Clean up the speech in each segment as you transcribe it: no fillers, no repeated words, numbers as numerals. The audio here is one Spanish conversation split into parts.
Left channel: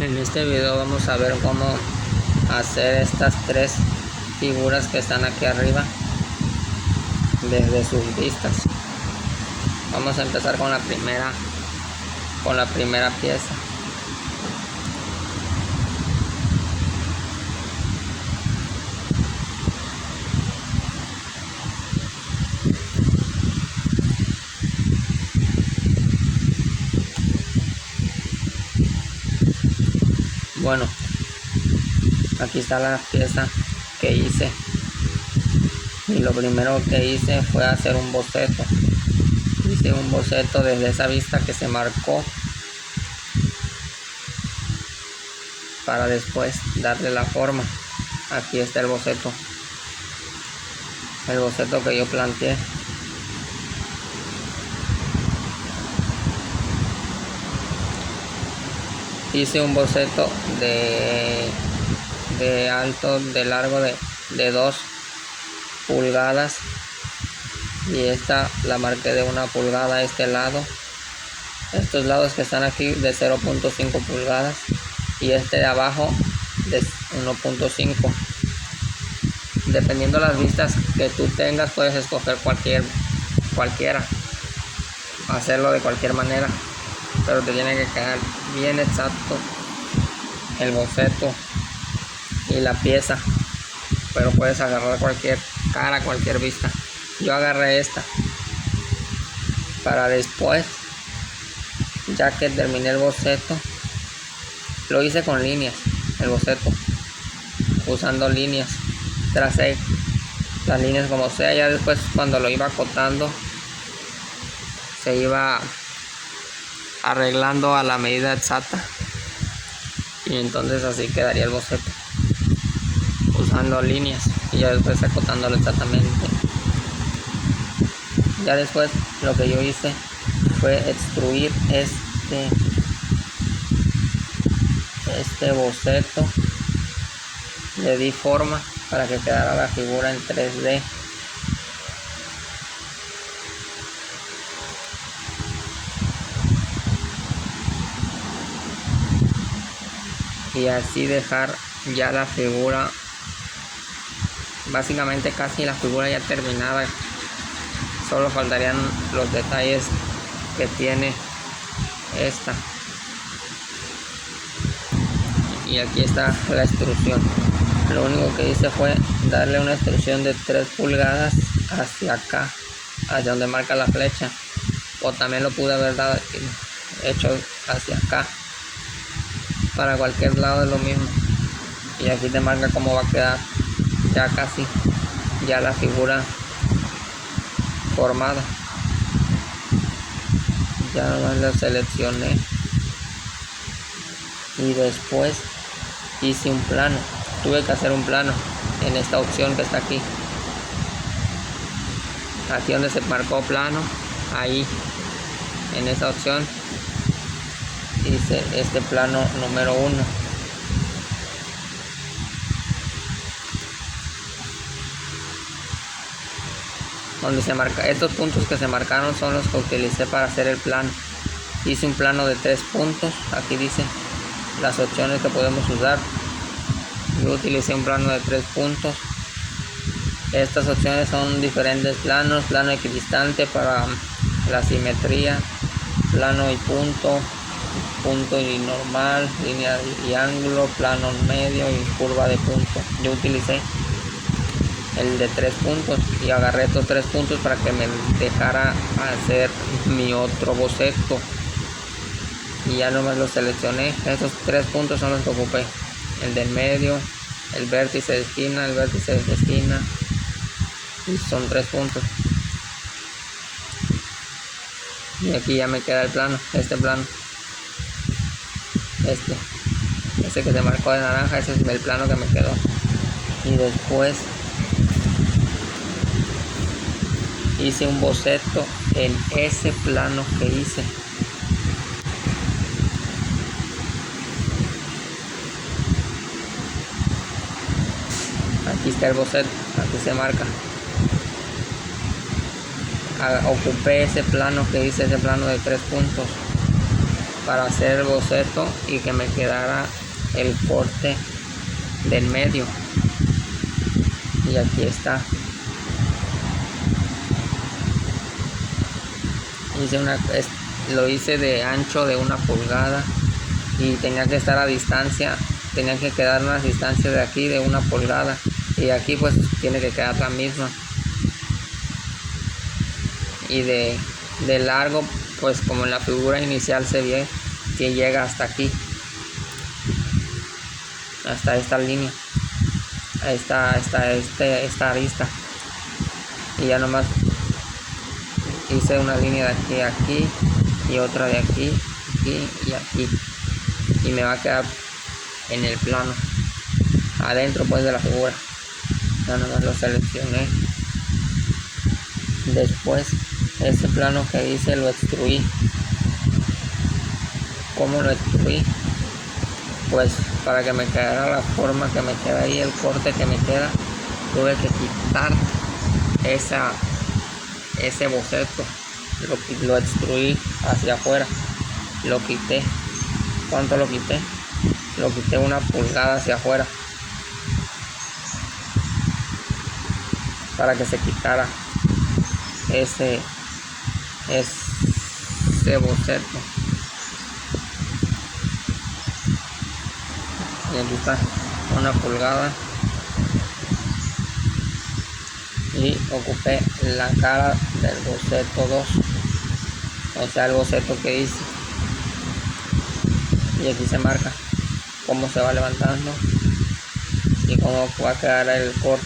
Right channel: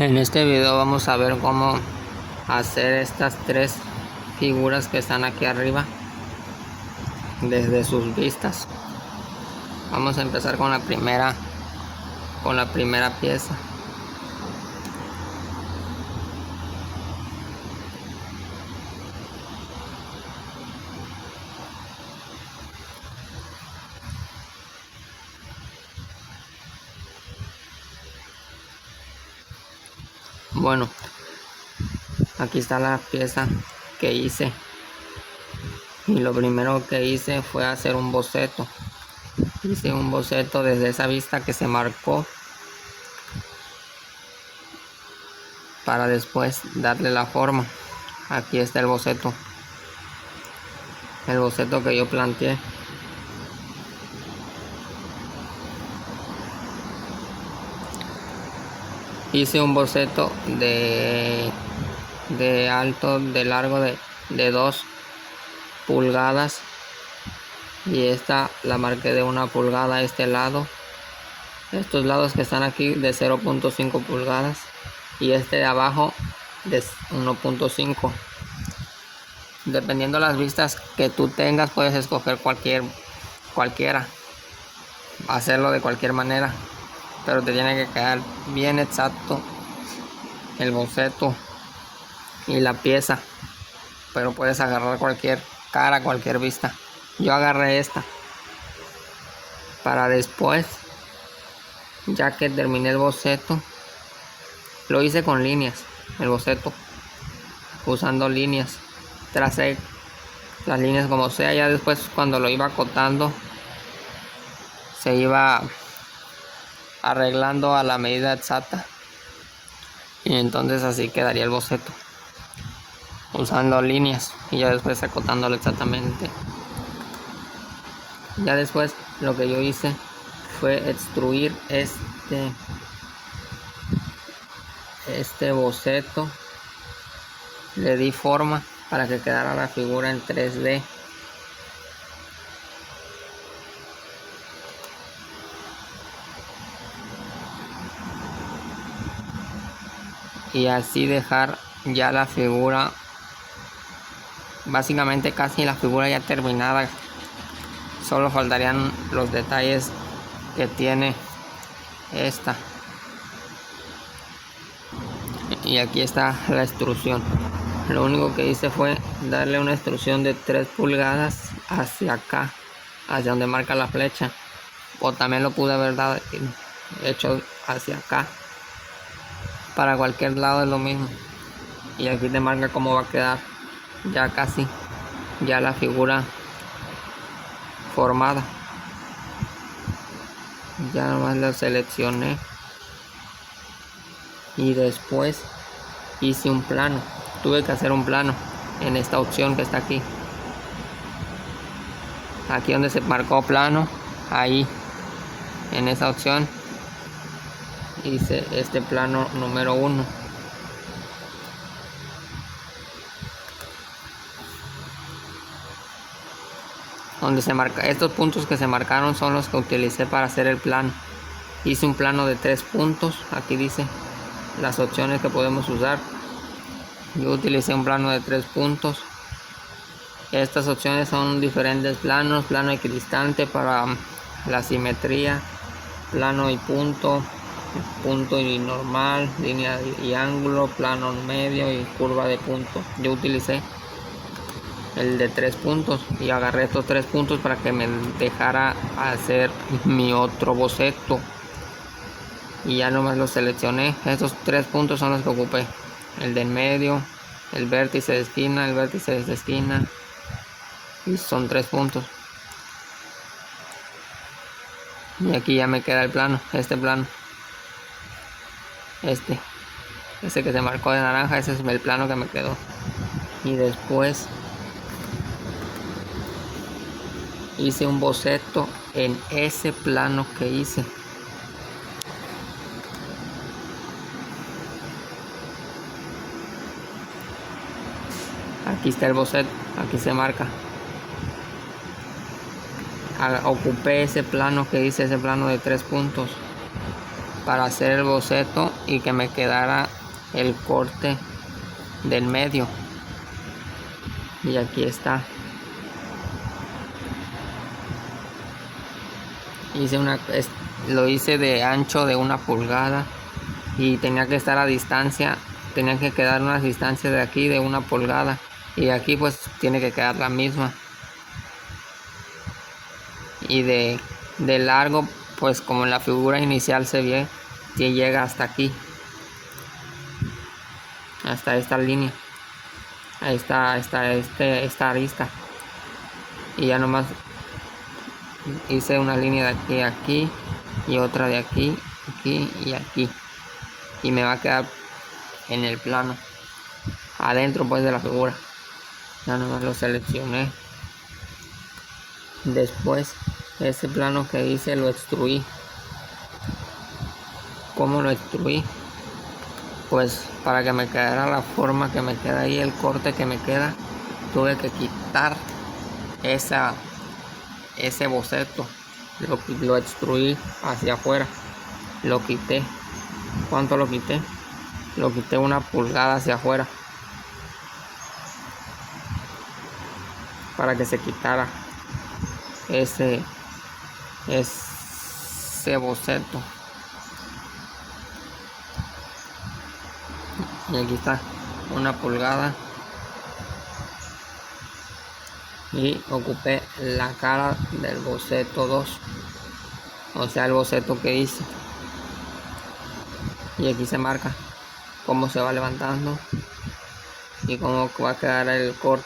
En este video vamos a ver cómo hacer estas tres figuras que están aquí arriba desde sus vistas. Vamos a empezar con la primera pieza. Bueno, aquí está la pieza que hice, y lo primero que hice fue hacer un boceto. Hice un boceto desde esa vista que se marcó para después darle la forma. Aquí está el boceto que yo planteé. Hice un boceto de alto, de largo de 2 pulgadas, y esta la marqué de 1 pulgada a este lado. Estos lados que están aquí de 0.5 pulgadas y este de abajo de 1.5. Dependiendo las vistas que tú tengas, puedes escoger cualquiera, hacerlo de cualquier manera, pero te tiene que quedar bien exacto el boceto y la pieza. Pero puedes agarrar cualquier cara, cualquier vista. Yo agarré esta para después, ya que terminé el boceto, lo hice con líneas, el boceto, usando líneas. Tracé las líneas como sea, ya después cuando lo iba acotando se iba arreglando a la medida exacta, y entonces así quedaría el boceto, usando líneas y ya después acotándolo exactamente. Ya después lo que yo hice fue extruir este boceto, le di forma para que quedara la figura en 3D. Y así dejar ya la figura, básicamente casi la figura ya terminada. Solo faltarían los detalles que tiene esta. Y aquí está la extrusión. Lo único que hice fue darle una extrusión de 3 pulgadas hacia acá, hacia donde marca la flecha, o también lo pude haber hecho hacia acá. Para cualquier lado es lo mismo, y aquí te marca cómo va a quedar ya casi ya la figura formada. Ya nomás lo seleccioné y después hice un plano. Tuve que hacer un plano en esta opción que está aquí donde se marcó plano. Ahí en esa opción hice este plano número 1. Donde se marca, estos puntos que se marcaron son los que utilicé para hacer el plano. Hice un plano de 3 puntos. Aquí dice las opciones que podemos usar. Yo utilicé un plano de 3 puntos. Estas opciones son diferentes planos: plano equidistante para la simetría, plano y punto, punto y normal, línea y ángulo, plano medio y curva de punto. Yo utilicé el de 3 puntos y agarré estos 3 puntos para que me dejara hacer mi otro boceto, y ya no me lo seleccioné. Estos 3 puntos son los que ocupé: el del medio, el vértice de esquina, el vértice de esquina, y son 3 puntos. Y aquí ya me queda el plano, este plano, este que se marcó de naranja, ese es el plano que me quedó. Y después hice un boceto en ese plano que hice. Aquí está el boceto, aquí se marca. Ocupé ese plano que hice, ese plano de 3 puntos, para hacer el boceto y que me quedara el corte del medio. Y aquí está. Lo hice de ancho de 1 pulgada y tenía que estar a distancia, tenía que quedar una distancia de aquí de 1 pulgada y de aquí pues tiene que quedar la misma. Y de largo, pues como en la figura inicial se ve que llega hasta aquí, hasta esta línea, ahí está esta arista, y ya nomás hice una línea de aquí a aquí y otra de aquí, aquí y aquí, y me va a quedar en el plano adentro pues de la figura. Ya nomás lo seleccioné. Después ese plano que hice lo extruí. ¿Cómo lo extruí? Pues para que me quedara la forma que me queda ahí, el corte que me queda, tuve que quitar ese boceto. Lo extruí hacia afuera, lo quité. ¿Cuánto lo quité? Lo quité 1 pulgada hacia afuera para que se quitara ese boceto. Y aquí está 1 pulgada y ocupé la cara del boceto 2, o sea el boceto que hice, y aquí se marca cómo se va levantando y cómo va a quedar el corte.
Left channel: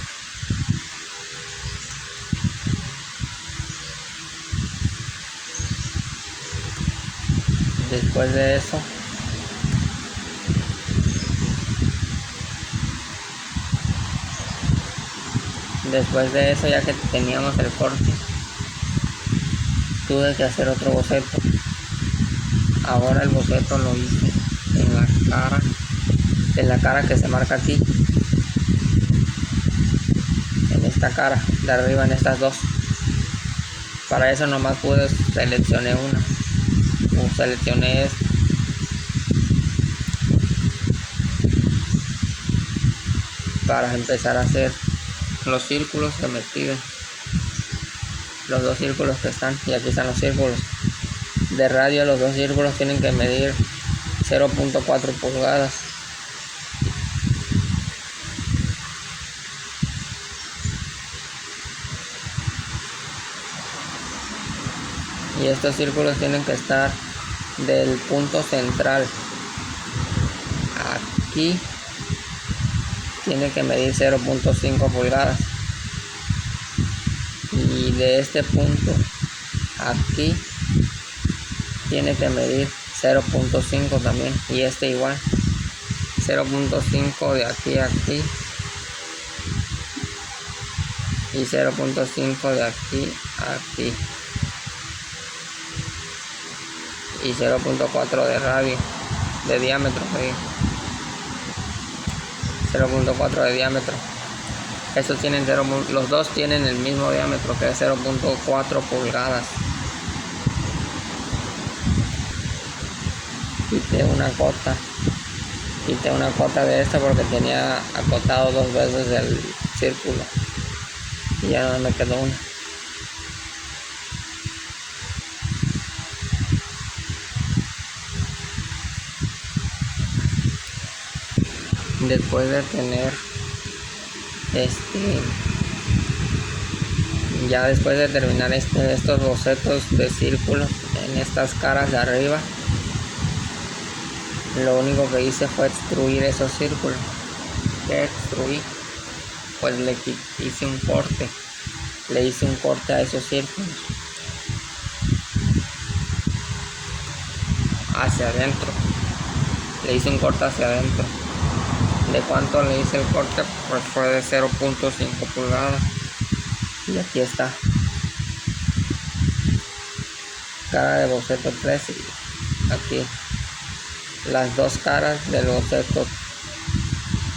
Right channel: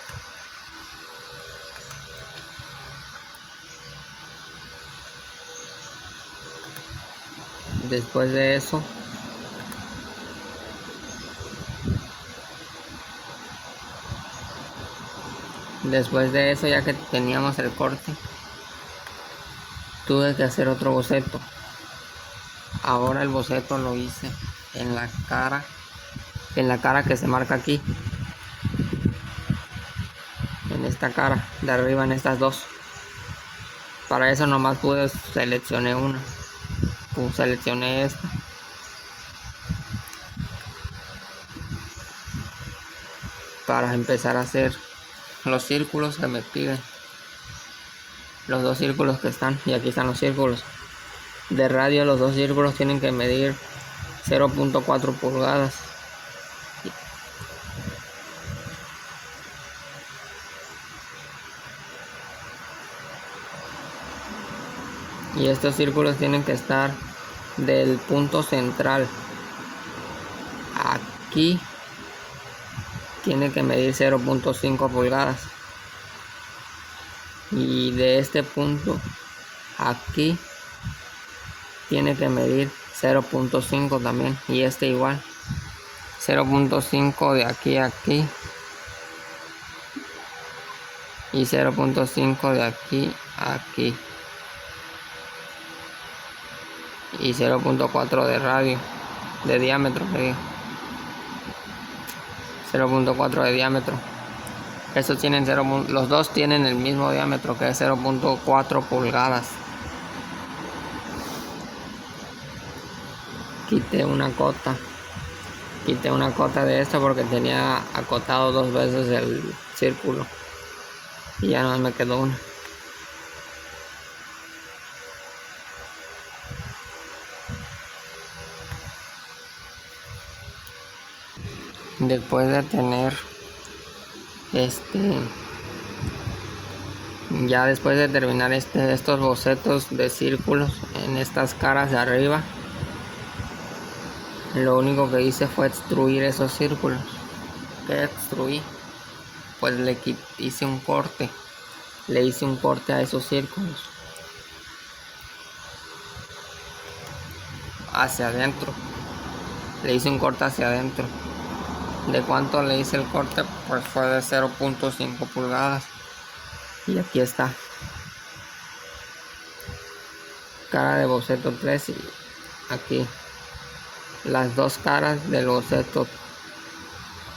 Después de eso ya que teníamos el corte, tuve que hacer otro boceto. Ahora el boceto lo hice en la cara que se marca aquí, en esta cara de arriba, en estas dos. Para eso nomás seleccioné una, seleccioné esta. Para empezar a hacer los círculos que me piden, los 2 círculos que están, y aquí están los círculos de radio. Los 2 círculos tienen que medir 0.4 pulgadas. Y estos círculos tienen que estar del punto central aquí, tiene que medir 0.5 pulgadas, y de este punto aquí tiene que medir 0.5 también, y este igual 0.5 de aquí a aquí y 0.5 de aquí a aquí y 0.4 de radio, de diámetro, 0.4 de diámetro. Estos tienen los dos tienen el mismo diámetro, que es 0.4 pulgadas. Quité una cota de esta porque tenía acotado 2 veces el círculo y ya no me quedó una. Después de tener ya después de terminar estos bocetos de círculos en estas caras de arriba, lo único que hice fue extruir esos círculos. ¿Qué extruí? Pues le hice un corte a esos círculos hacia adentro. Le hice un corte hacia adentro. ¿De cuánto le hice el corte? Pues fue de 0.5 pulgadas. Y aquí está. Cara de boceto 3 y aquí las 2 caras del boceto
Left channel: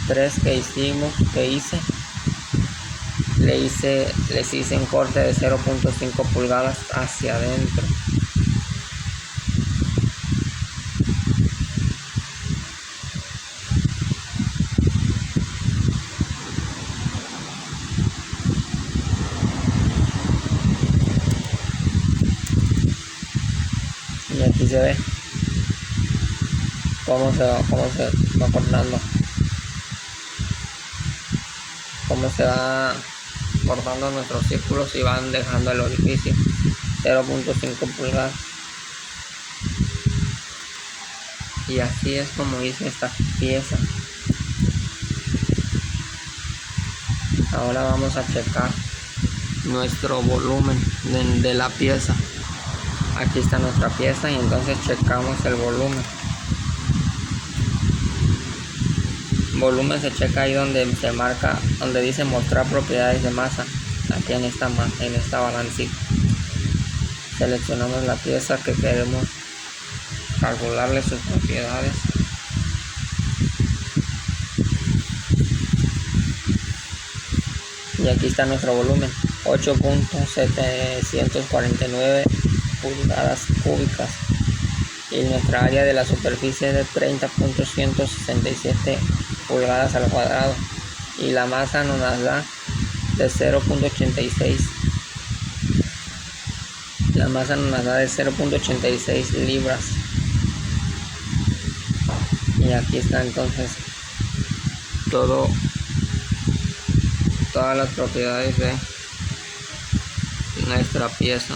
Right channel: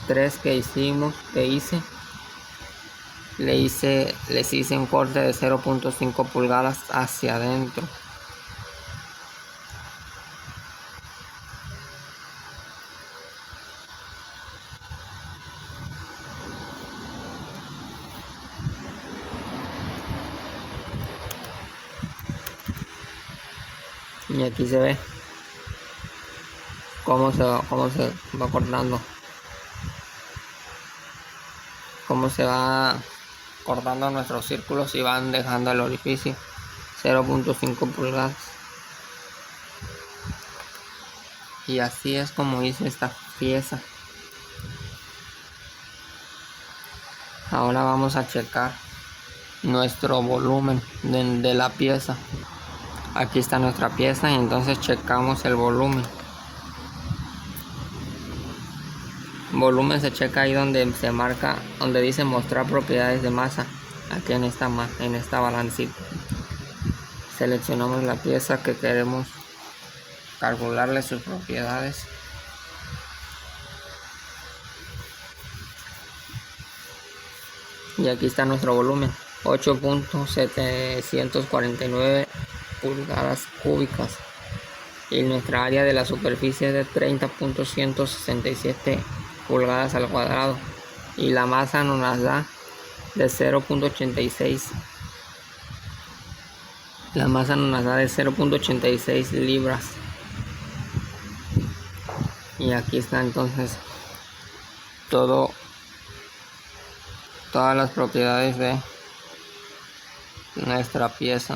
3 que hice. Les hice un corte de 0.5 pulgadas hacia adentro. se ve cómo se va cortando, cómo se va cortando nuestros círculos y van dejando el orificio. 0.5 pulgadas. Y así es como hice esta pieza. Ahora vamos a checar nuestro volumen de la pieza. Aquí está nuestra pieza y entonces checamos el volumen. Volumen se checa ahí donde se marca, donde dice mostrar propiedades de masa. Aquí en esta balancita. Seleccionamos la pieza que queremos calcularle sus propiedades. Y aquí está nuestro volumen, 8.749 pulgadas cúbicas. Y nuestra área de la superficie es de 30.167 pulgadas al cuadrado. Y la masa nos da de 0.86. La masa nos da de 0.86 libras. Y aquí está entonces todas las propiedades de nuestra pieza.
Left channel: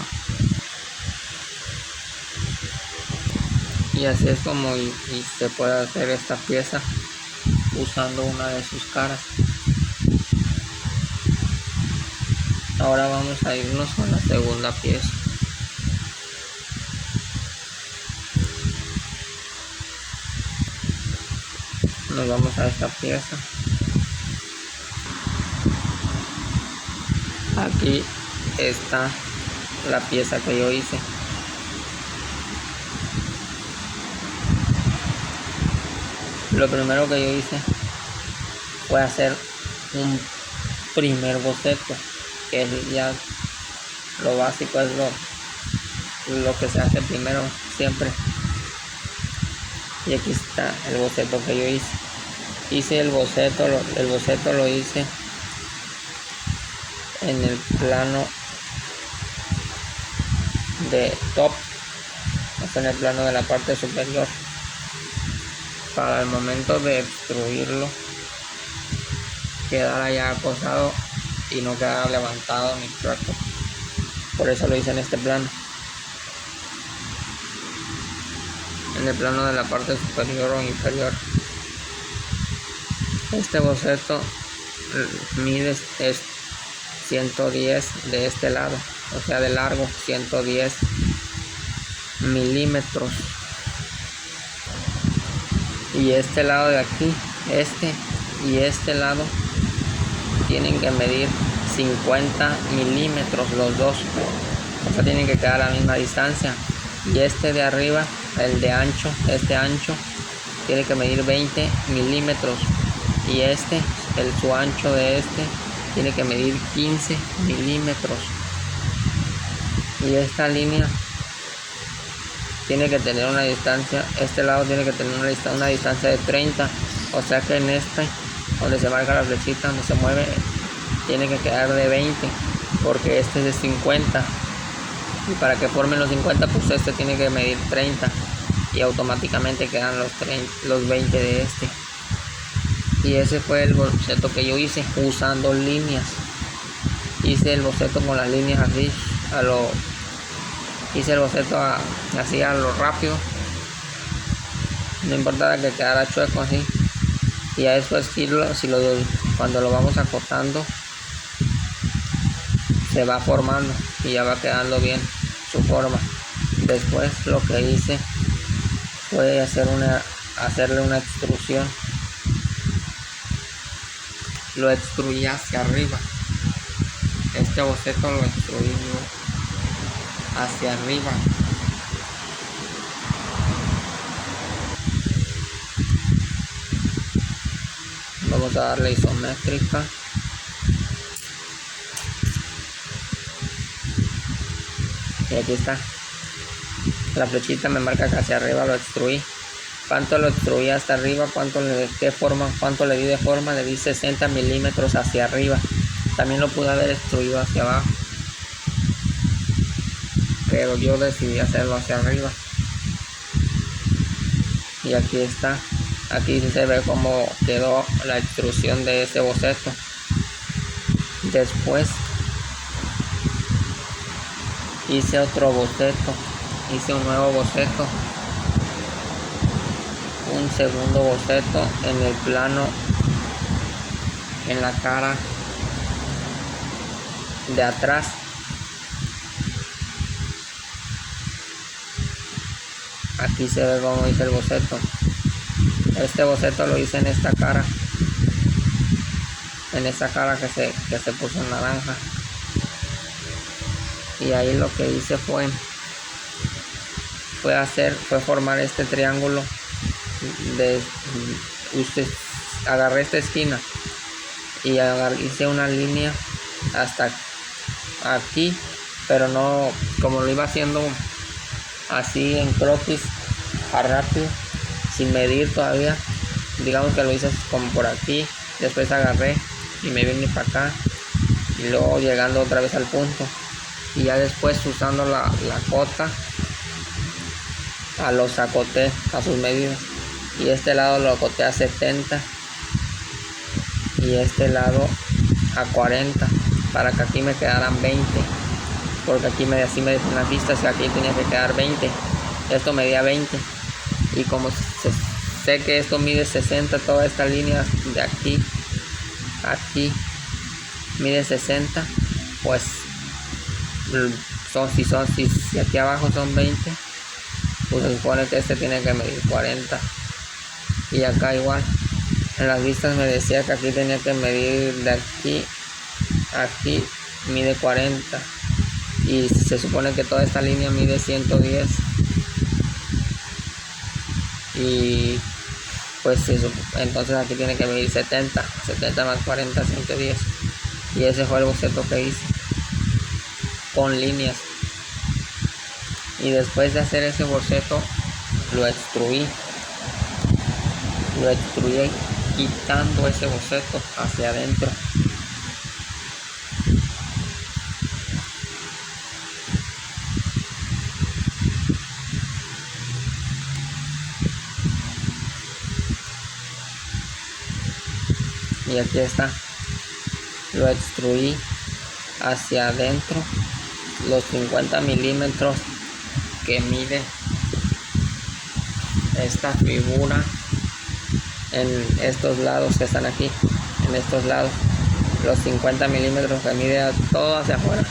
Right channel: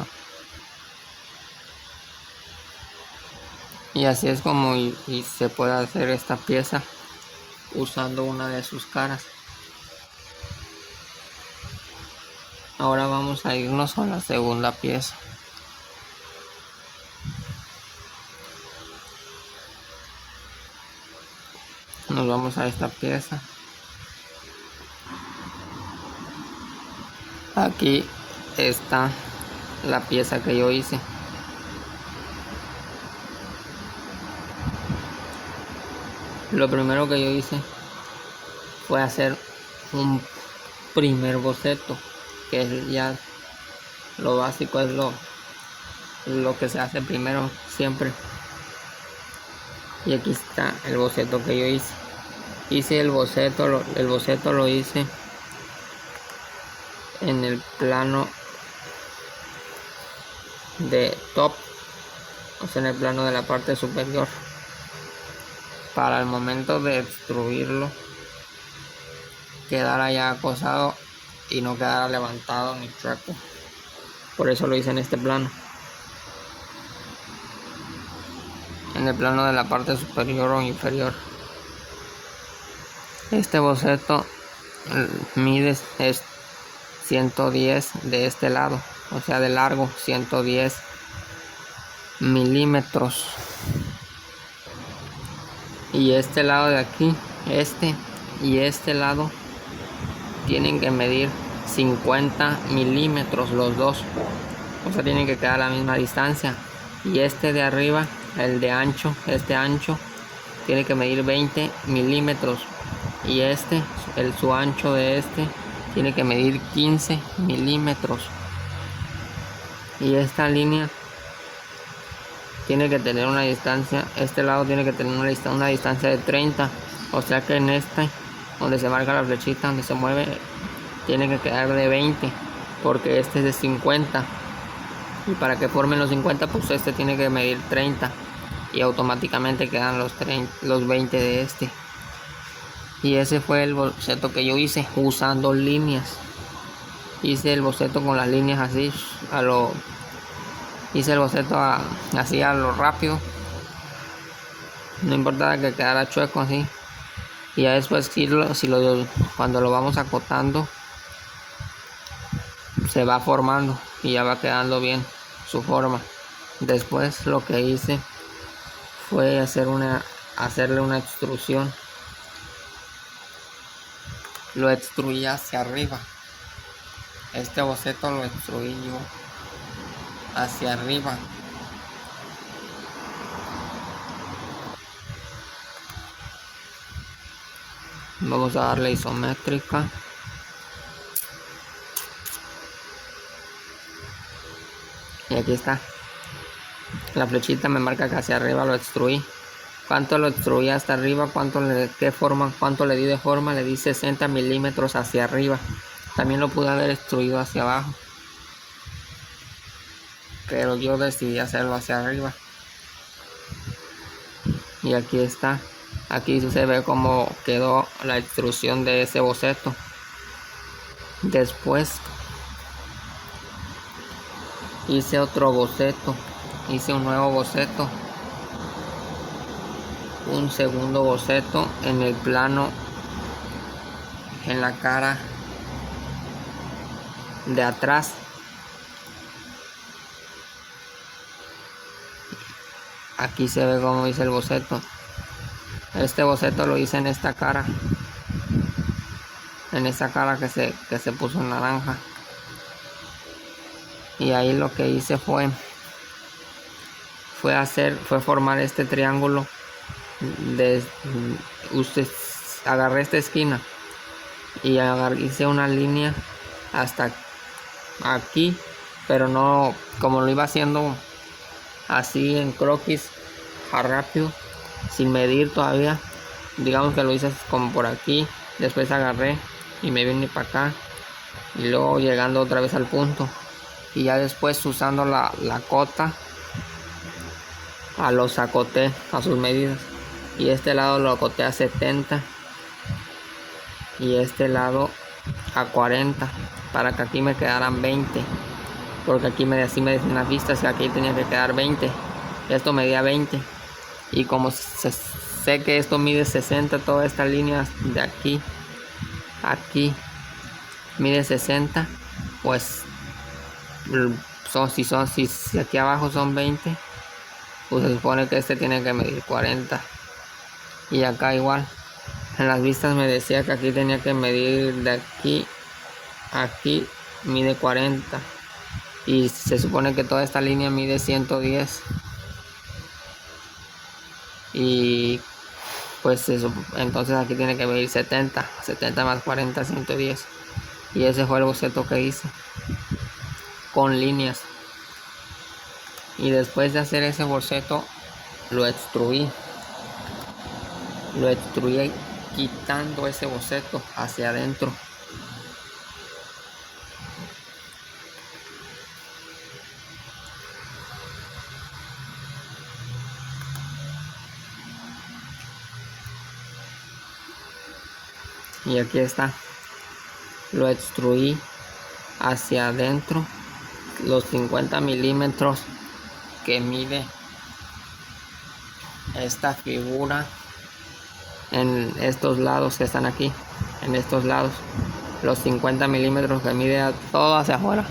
Y así es como se puede hacer esta pieza usando una de sus caras. Ahora vamos a irnos con la segunda pieza. Nos vamos a esta pieza. Aquí está la pieza que yo hice. Lo primero que yo hice fue hacer un primer boceto, que es ya lo básico, es lo que se hace primero siempre. Y aquí está el boceto que yo hice. Hice el boceto lo hice en el plano de top, o sea, en el plano de la parte superior, para el momento de extruirlo quedara ya posado y no quedara levantado ni chueco. Por eso lo hice en este plano, en el plano de la parte superior o inferior. Este boceto mide es 110 de este lado, o sea de largo 110 milímetros. Y este lado de aquí, y este lado tienen que medir 50 milímetros los dos, o sea tienen que quedar a la misma distancia. Y este de arriba, el de ancho, este ancho tiene que medir 20 milímetros, y su ancho de tiene que medir 15 milímetros. Y esta línea tiene que tener una distancia, este lado tiene que tener una distancia de 30, o sea que en donde se marca la flechita, donde se mueve, tiene que quedar de 20, porque este es de 50, y para que formen los 50 pues este tiene que medir 30, y automáticamente quedan los 20 de este. Y ese fue el boceto que yo hice usando líneas. Hice el boceto con las líneas así hice el boceto así a lo rápido, no importaba que quedara chueco así. Y ya después cuando lo vamos acotando se va formando y ya va quedando bien su forma. Después lo que hice fue hacerle una extrusión. Lo extruí hacia arriba. Este boceto lo extruí yo hacia arriba. Vamos a darle isométrica. Y aquí está. La flechita me marca que hacia arriba lo extruí. ¿Cuánto lo extruí hasta arriba? ¿Cuánto le di de forma? Le di 60 milímetros hacia arriba. También lo pude haber extruido hacia abajo, pero yo decidí hacerlo hacia arriba. Y aquí está. Aquí sí se ve cómo quedó la extrusión de ese boceto. Después hice otro boceto, hice un nuevo boceto, un segundo boceto en el plano, en la cara de atrás. Aquí se ve cómo hice el boceto. Este boceto lo hice en esta cara, que se puso en naranja. Y ahí lo que hice fue formar este triángulo. Agarré esta esquina y hice una línea hasta aquí, pero no como lo iba haciendo así en croquis, rápido, sin medir todavía. Digamos que lo hice como por aquí, después agarré y me vine para acá, y luego llegando otra vez al punto, y ya después usando la cota, los acoté a sus medidas, y este lado lo acoté a 70 y este lado a 40 para que aquí me quedaran 20, porque aquí así me dicen las vistas que aquí tenía que quedar 20. Esto medía 20, y como sé que esto mide 60, toda esta línea de aquí mide 60, pues si aquí abajo son 20, pues se supone que este tiene que medir 40. Y acá igual, en las vistas me decía que aquí tenía que medir de aquí a aquí, mide 40, y se supone que toda esta línea mide 110, y pues entonces aquí tiene que medir 70 más 40, 110. Y ese fue el boceto que hice con líneas. Y después de hacer ese boceto lo extruí quitando ese boceto hacia adentro. Y aquí está, lo extruí hacia adentro los 50 milímetros que mide esta figura en estos lados que están aquí, en estos lados, los 50 milímetros que mide todo hacia afuera.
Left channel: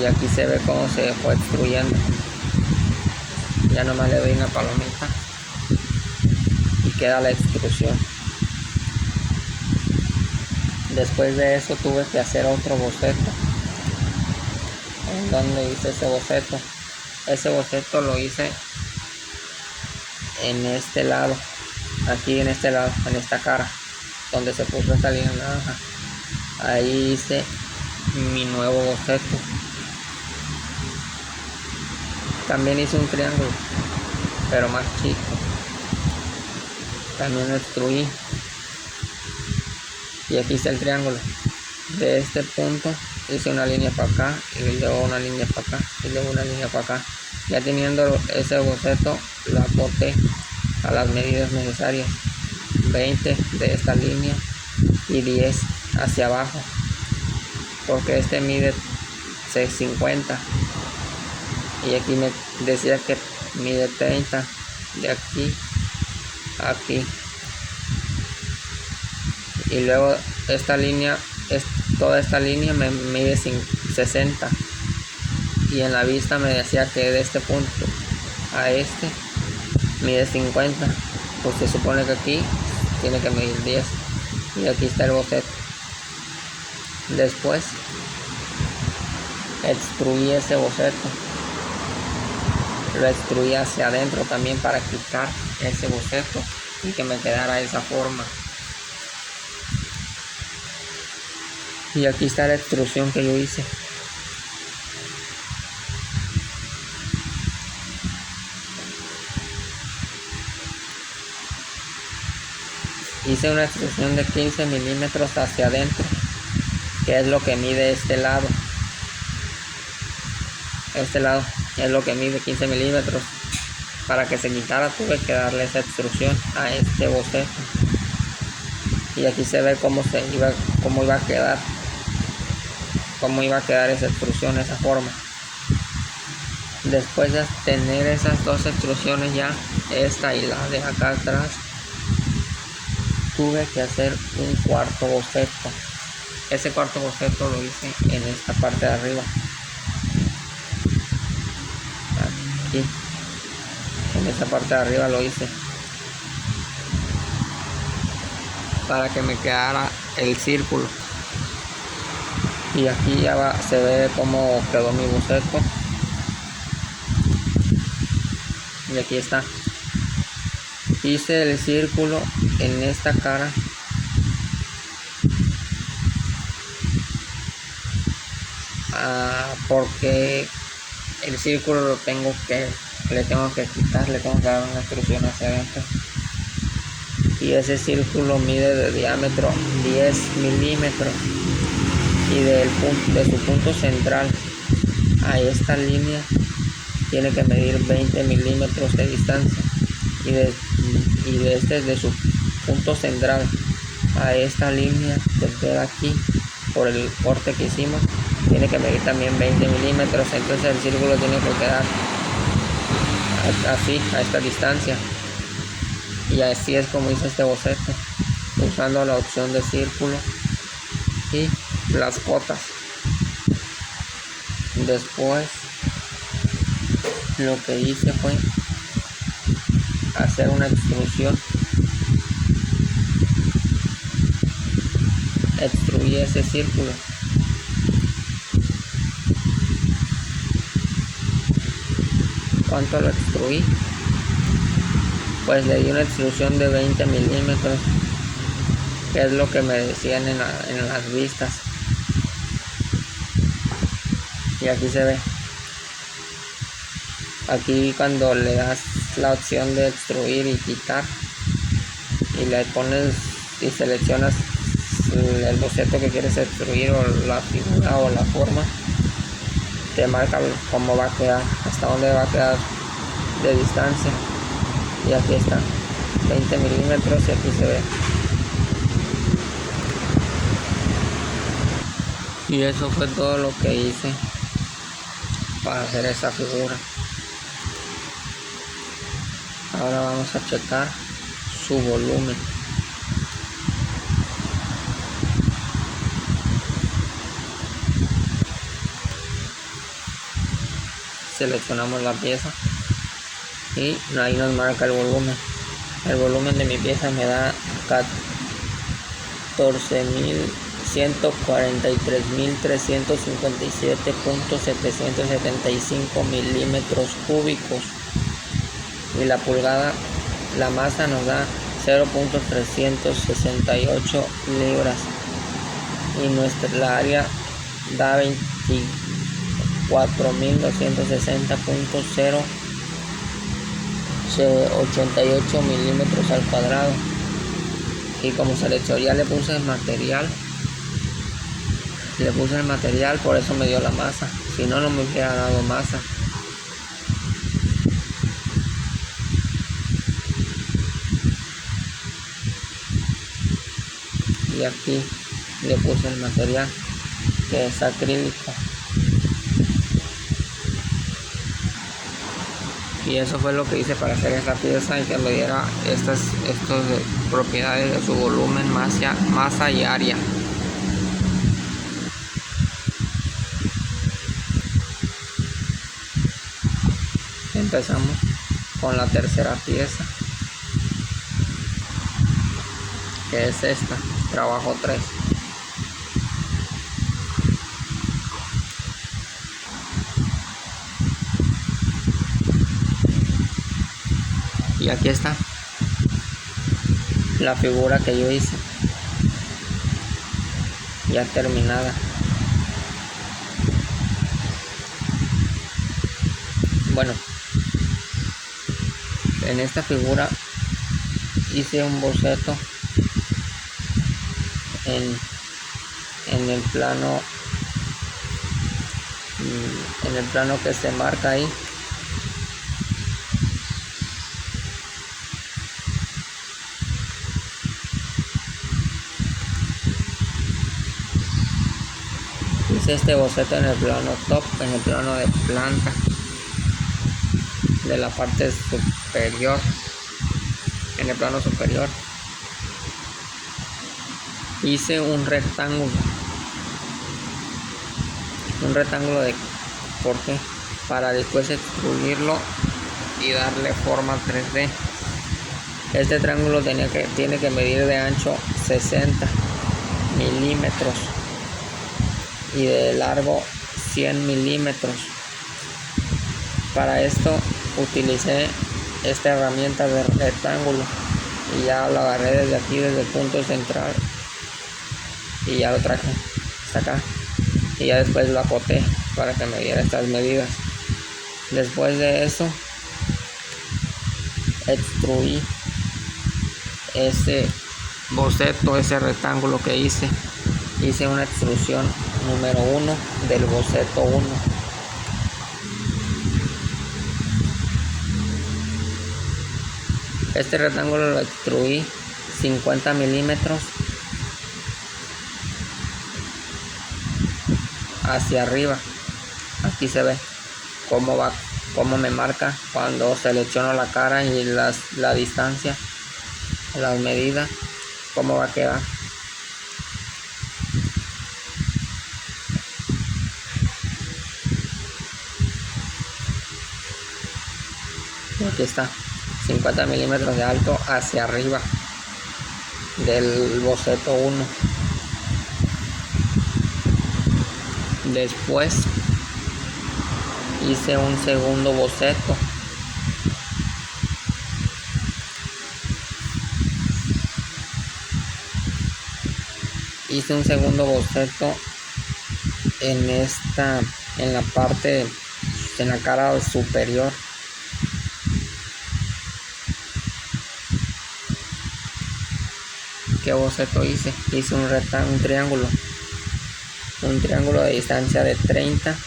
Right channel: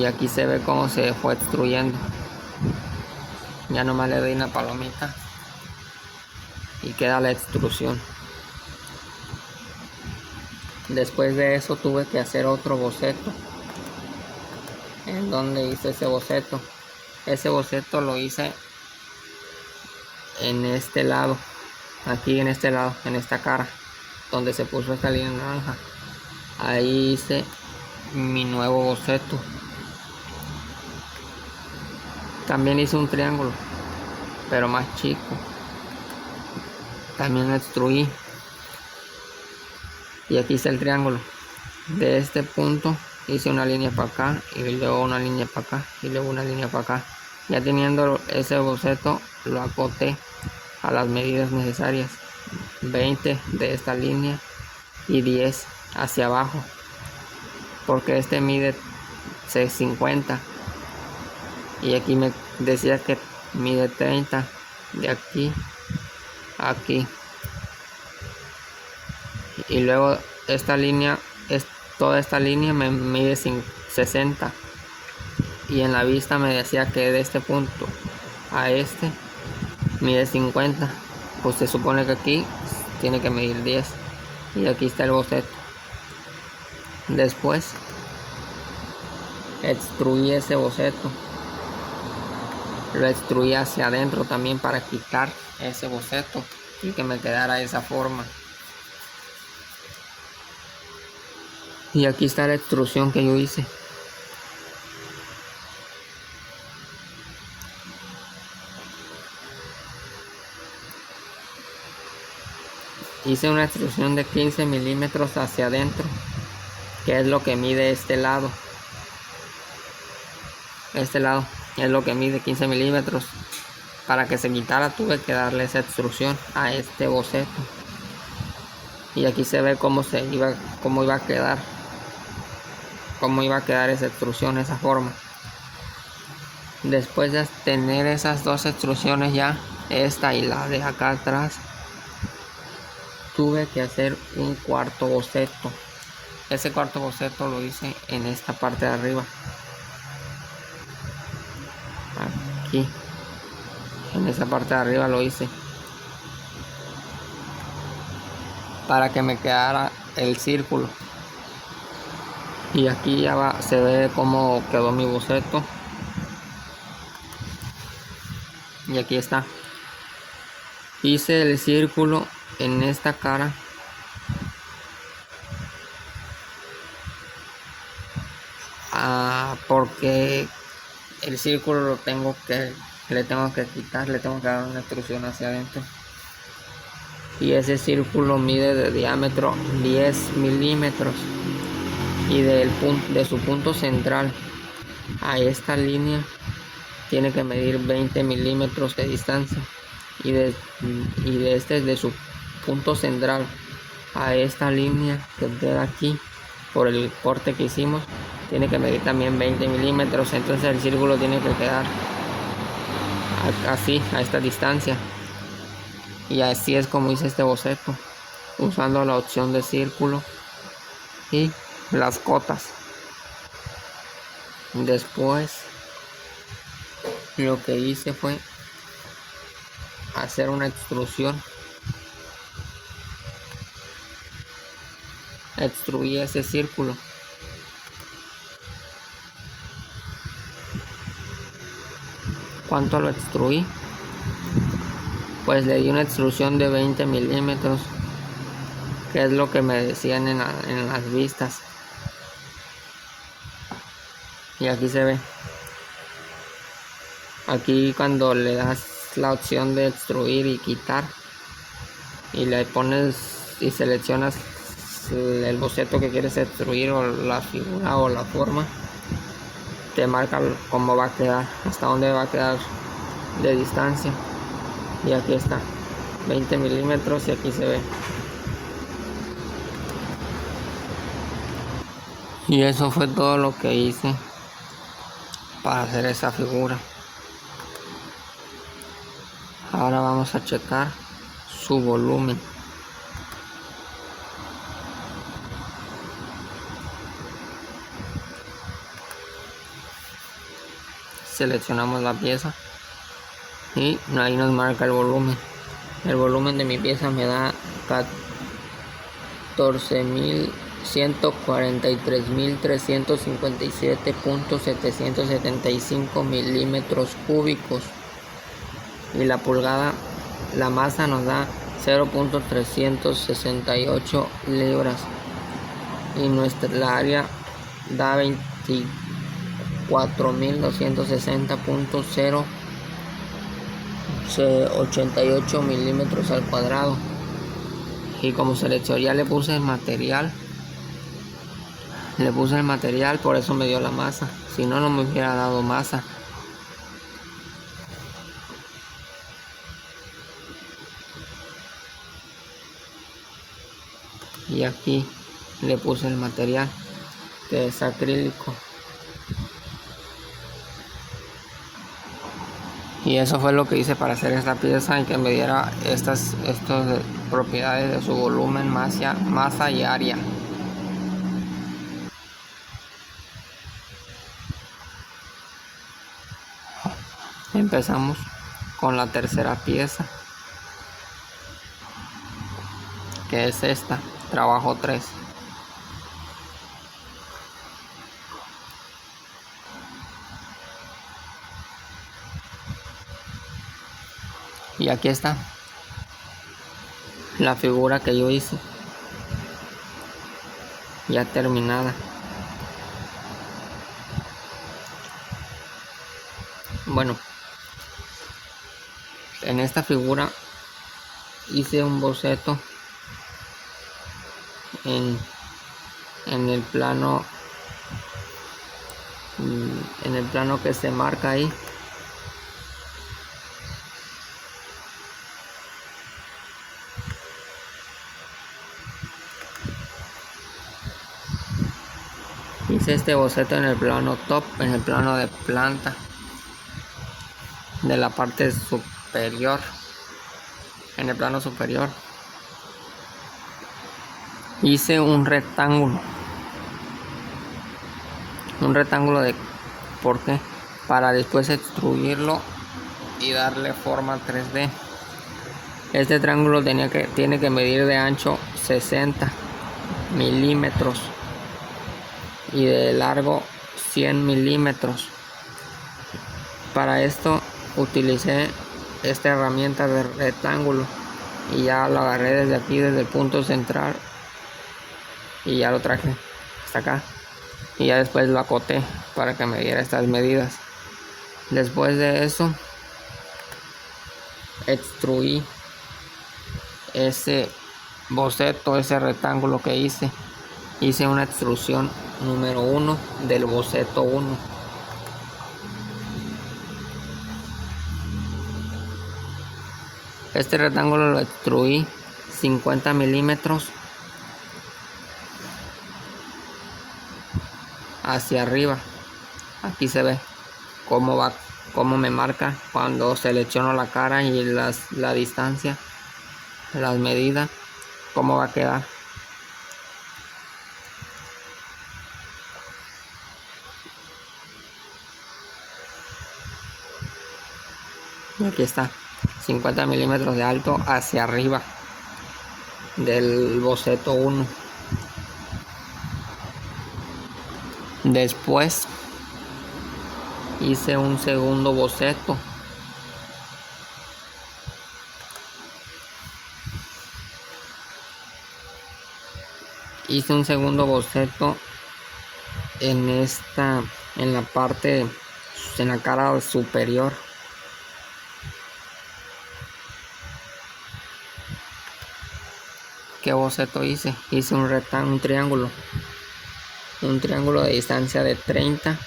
Y aquí se ve cómo se fue extruyendo. Ya nomás le doy una palomita y queda la extrusión. Después de eso tuve que hacer otro boceto. ¿En donde hice ese boceto? Ese boceto lo hice en este lado, aquí en este lado, en esta cara, donde se puso esta línea naranja. Ahí hice mi nuevo boceto. También hice un triángulo, pero más chico. También lo extruí. Y aquí está el triángulo. De este punto hice una línea para acá, y luego una línea para acá, y luego una línea para acá. Ya teniendo ese boceto, lo acoté a las medidas necesarias: 20 de esta línea y 10 hacia abajo, porque este mide 650 y aquí me decía que mide 30 de aquí a aquí. Y luego toda esta línea me mide 60, y en la vista me decía que de este punto a este mide 50, pues se supone que aquí tiene que medir 10. Y aquí está el boceto. Después extruí ese boceto, lo extruí hacia adentro también para quitar ese boceto y que me quedara esa forma. Y aquí está la extrusión que yo hice. Hice una extrusión de 15 milímetros hacia adentro, que es lo que mide este lado. Este lado es lo que mide 15 milímetros. para que se quitara tuve que darle esa extrusión a este boceto. Y aquí se ve cómo iba a quedar esa extrusión, esa forma. Después de tener esas dos extrusiones ya, esta y la de acá atrás, tuve que hacer un cuarto boceto. Ese cuarto boceto lo hice en esta parte de arriba, aquí, en esa parte de arriba lo hice, para que me quedara el círculo. Y aquí ya se ve cómo quedó mi boceto. Y aquí está. Hice el círculo en esta cara. Porque el círculo le tengo que quitar, le tengo que dar una extrusión hacia adentro. Y ese círculo mide de diámetro 10 milímetros. Y de su punto central a esta línea tiene que medir 20 milímetros de distancia. Y de su punto central a esta línea desde aquí, por el corte que hicimos, tiene que medir también 20 milímetros. Entonces el círculo tiene que quedar así, a esta distancia. Y así es como hice este boceto, usando la opción de círculo y las cotas. Después lo que hice fue hacer una extrusión. Extruí ese círculo. ¿Cuánto lo extruí? Pues le di una extrusión de 20 milímetros, que es lo que me decían en las vistas. Y aquí se ve. Aquí cuando le das la opción de extruir y quitar, y le pones y seleccionas el boceto que quieres extruir, o la figura o la forma, te marca cómo va a quedar, hasta dónde va a quedar de distancia. Y aquí está, 20 milímetros, y aquí se ve. Y eso fue todo lo que hice para hacer esa figura. Ahora vamos a checar su volumen. Seleccionamos la pieza y ahí nos marca el volumen. El volumen de mi pieza me da 14.143.357.775 milímetros cúbicos. Y la pulgada, la masa nos da 0.368 libras. Y la área da 24.260.088 milímetros al cuadrado. Y como seleccioné, ya le puse el material, por eso me dio la masa. Si no, no me hubiera dado masa. Y aquí le puse el material, que es acrílico. Y eso fue lo que hice para hacer esta pieza, y que me diera estas propiedades de su volumen, masa y área. Empezamos con la tercera pieza, que es esta, trabajo 3. Y aquí está la figura que yo hice, ya terminada. Bueno, en esta figura hice un boceto en el plano que se marca ahí. hice este boceto en el plano top, en el plano de planta de la parte superior, en el plano superior. Hice un rectángulo de corte para después extruirlo y darle forma 3D. Este triángulo tiene que medir de ancho 60 milímetros y de largo 100 milímetros. Para esto utilicé esta herramienta de rectángulo y ya lo agarré desde aquí, desde el punto central, y ya lo traje hasta acá y ya después lo acoté para que me diera estas medidas. Después de eso extruí ese boceto, ese rectángulo que hice una extrusión número 1 del boceto 1. Este rectángulo lo extruí 50 milímetros hacia arriba. Aquí se ve cómo me marca cuando selecciono la cara y la distancia, las medidas, cómo va a quedar. Aquí está, 50 milímetros de alto hacia arriba del boceto 1. Después hice un segundo boceto. Hice un segundo boceto en la parte, en la cara superior. ¿Qué boceto hice? Hice un triángulo de distancia de 30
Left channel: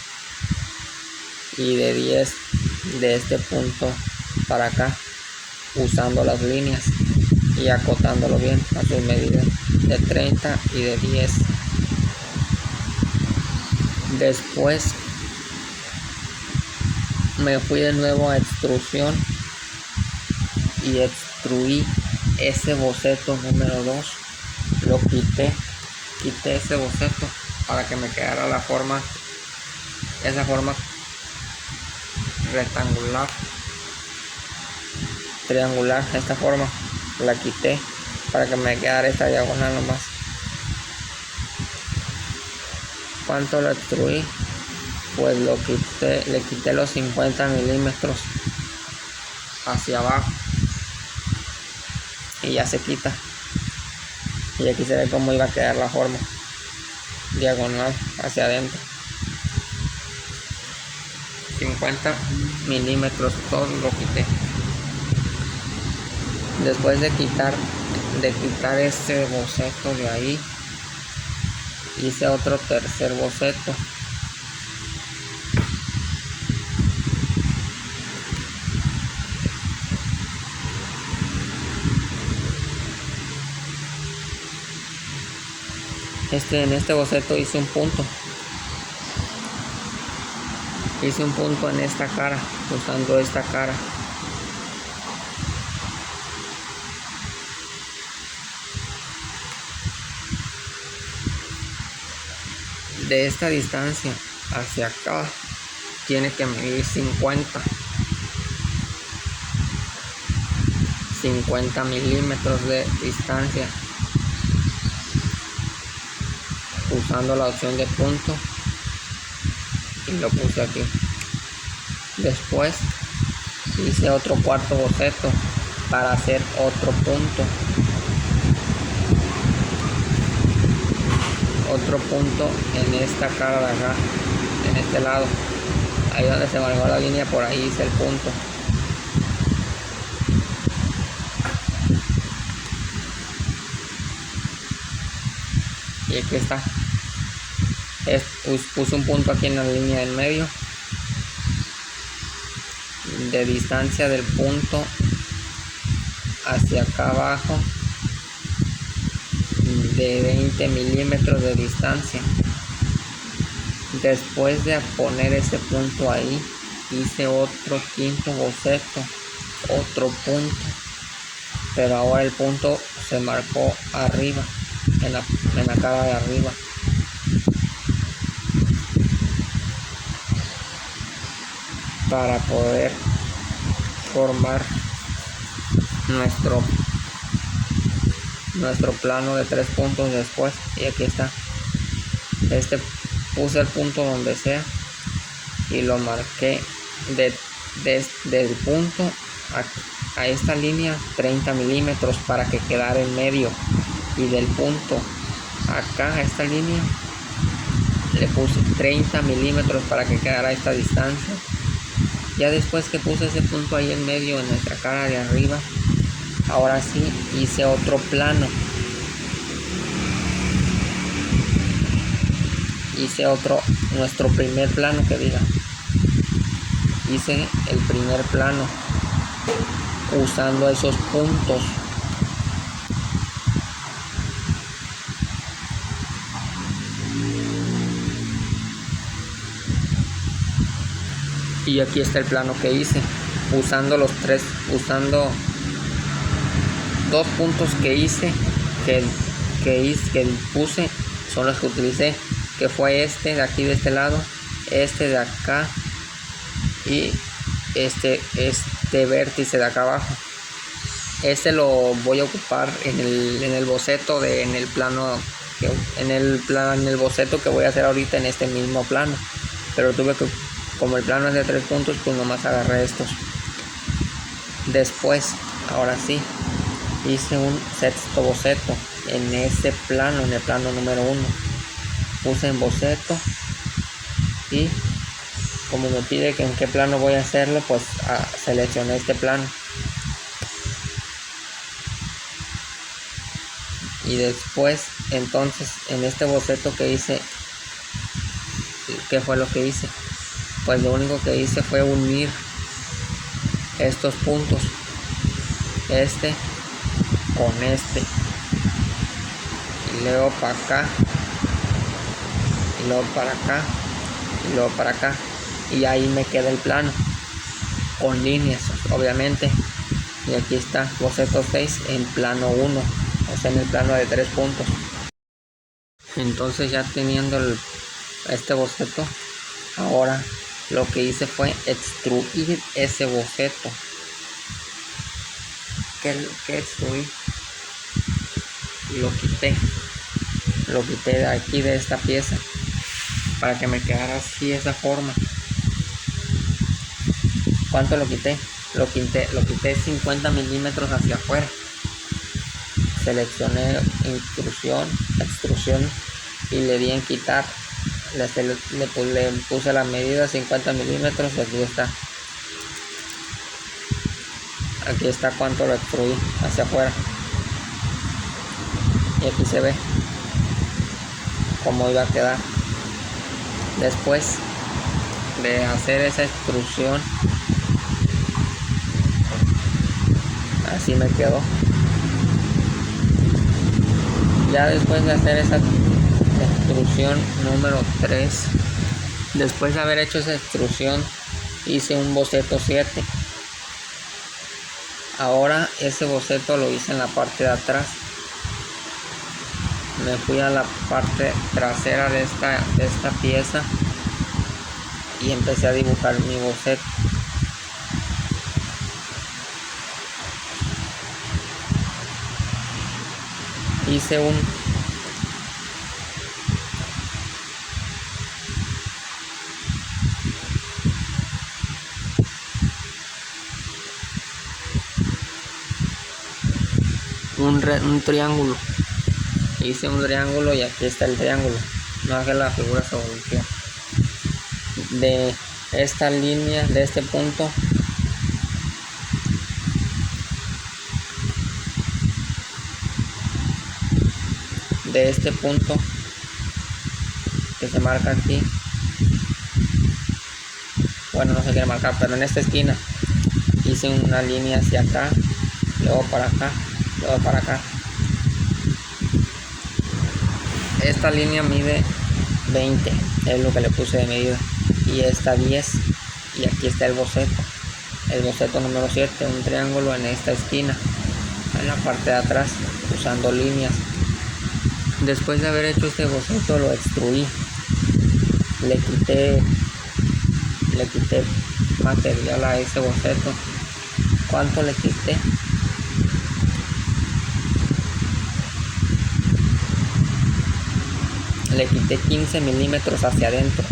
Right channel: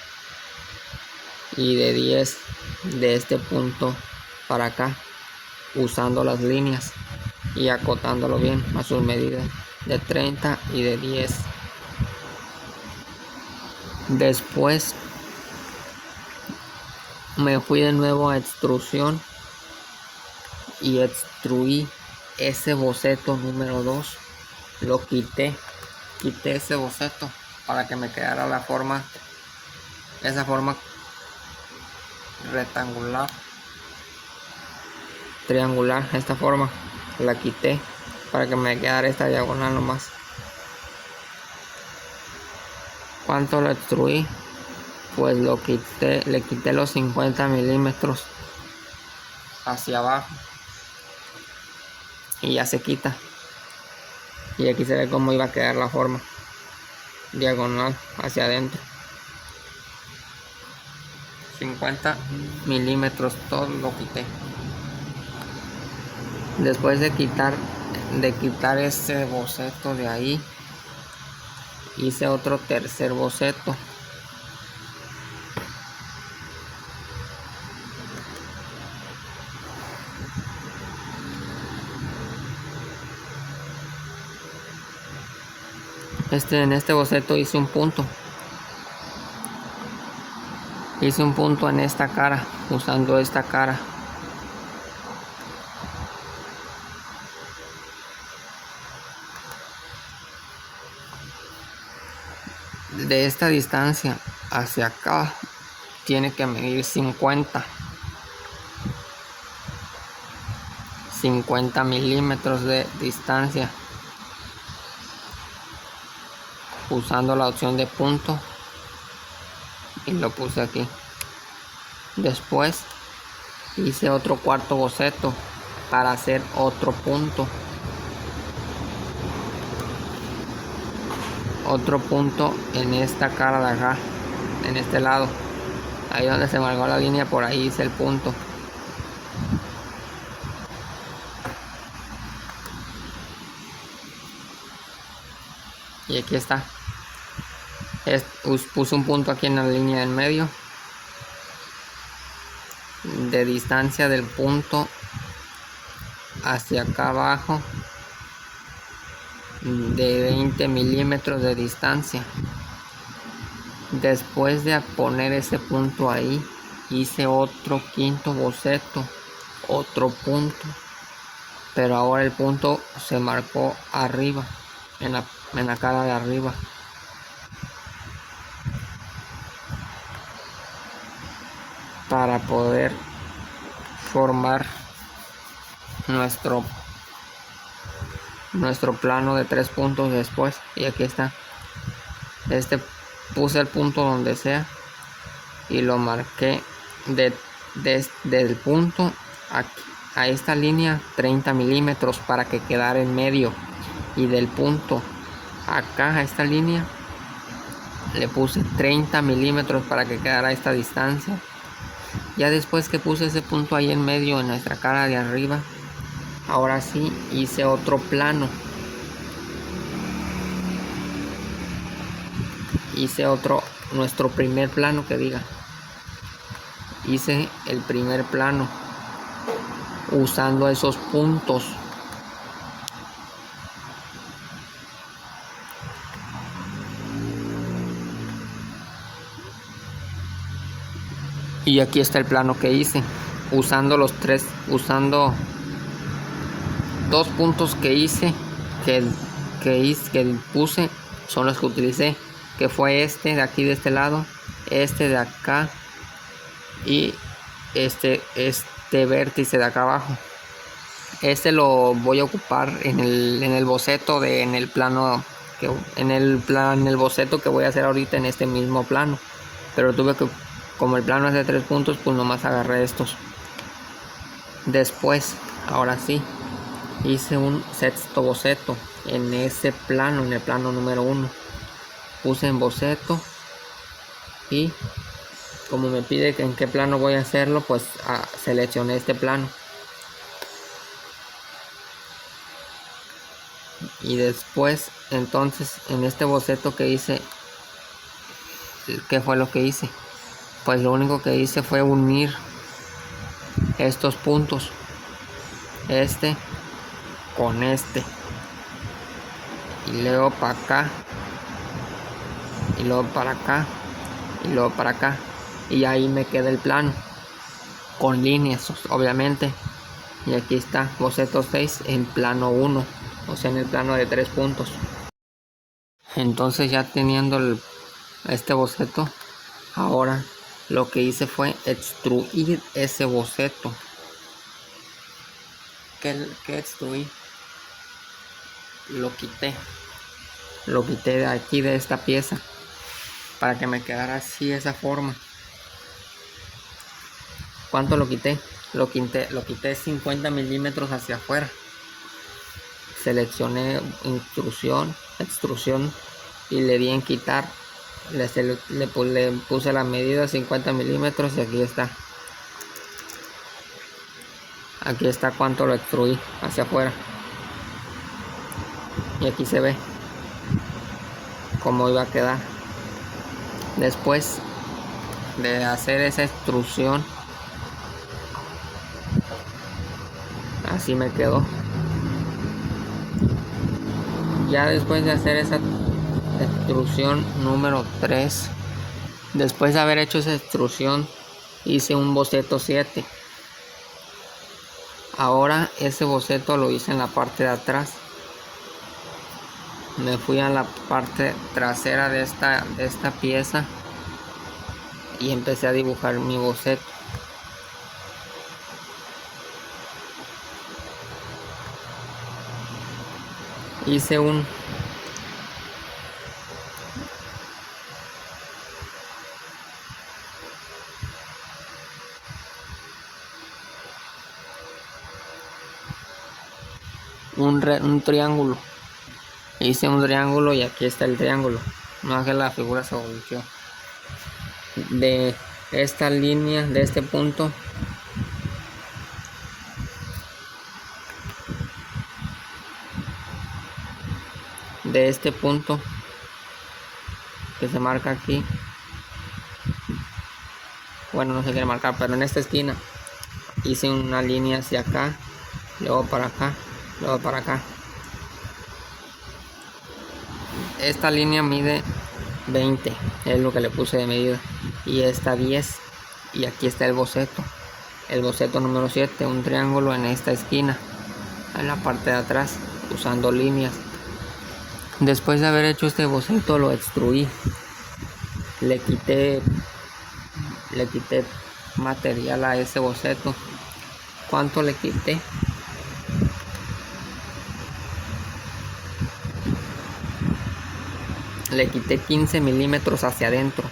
y de 10 de este punto para acá, usando las líneas y acotándolo bien a sus medidas de 30 y de 10. Después me fui de nuevo a extrusión y extruí ese boceto número 2. Lo quité ese boceto para que me quedara esa forma rectangular, triangular. Esta forma la quité para que me quedara esta diagonal nomás. ¿Cuánto lo extruí? Pues le quité los 50 milímetros hacia abajo y ya se quita. Y aquí se ve cómo iba a quedar la forma diagonal hacia adentro. 50 milímetros, todo lo quité. Después de quitar este boceto de ahí, hice otro tercer boceto. En este boceto hice un punto en esta cara, usando esta cara. De esta distancia hacia acá tiene que medir 50 milímetros de distancia, usando la opción de punto, y lo puse aquí. Después hice otro cuarto boceto para hacer otro punto en esta cara de acá, en este lado, ahí donde se marcó la línea, por ahí hice el punto. Y aquí está. Puse un punto aquí en la línea del medio, de distancia del punto hacia acá abajo, de 20 milímetros de distancia. Después de poner ese punto ahí, hice otro quinto boceto, otro punto, pero ahora el punto se marcó arriba, en la cara de arriba. Para poder formar nuestro plano de 3 puntos después. Y aquí está, puse el punto donde sea y lo marqué desde el punto a esta línea 30 milímetros para que quedara en medio, y del punto acá a esta línea le puse 30 milímetros para que quedara a esta distancia. Ya después que puse ese punto ahí en medio en nuestra cara de arriba, ahora sí hice otro plano. Hice nuestro primer plano, que diga. Hice el primer plano usando esos puntos. Y aquí está el plano que hice, usando dos puntos que hice, que puse, son los que utilicé, que fue este de aquí de este lado, este de acá y este vértice de acá abajo. Este lo voy a ocupar en el boceto en el boceto que voy a hacer ahorita en este mismo plano, pero como el plano es de 3 puntos, pues nomás agarré estos. Después, ahora sí, hice un sexto boceto en ese plano, en el plano número 1. Puse en boceto y como me pide que en qué plano voy a hacerlo, pues seleccioné este plano. Y después, entonces, en este boceto que hice, ¿qué fue lo que hice? Pues lo único que hice fue unir estos puntos, este con este, y luego para acá, y luego para acá, y luego para acá, y ahí me queda el plano con líneas, obviamente. Y aquí está boceto 6 en plano 1, o sea, en el plano de 3 puntos. Entonces, ya teniendo este boceto, ahora lo que hice fue extruir ese boceto. ¿Qué extruí? Lo quité de aquí, de esta pieza, para que me quedara así, esa forma. ¿Cuánto lo quité? Lo quité 50 milímetros hacia afuera. Seleccioné extrusión y le di en quitar. Le puse la medida 50 milímetros y aquí está cuánto lo extruí hacia afuera, y aquí se ve cómo iba a quedar después de hacer esa extrusión. Así me quedó. Ya después de hacer esa extrusión número 3, después de haber hecho esa extrusión, hice un boceto 7. Ahora ese boceto lo hice en la parte de atrás. Me fui a la parte trasera de esta pieza y empecé a dibujar mi boceto. Hice un triángulo. Hice un triángulo y aquí está el triángulo. No haga la figura se volteó. De esta línea, de este punto, de este punto que se marca aquí, bueno, no se quiere marcar, pero en esta esquina hice una línea hacia acá, luego para acá, luego para acá. Esta línea mide 20 es lo que le puse de medida, y esta 10, y aquí está el boceto número 7, un triángulo en esta esquina, en la parte de atrás, usando líneas. Después de haber hecho este boceto lo extruí, le quité material a ese boceto. ¿Cuánto le quité? Le quité 15 milímetros hacia adentro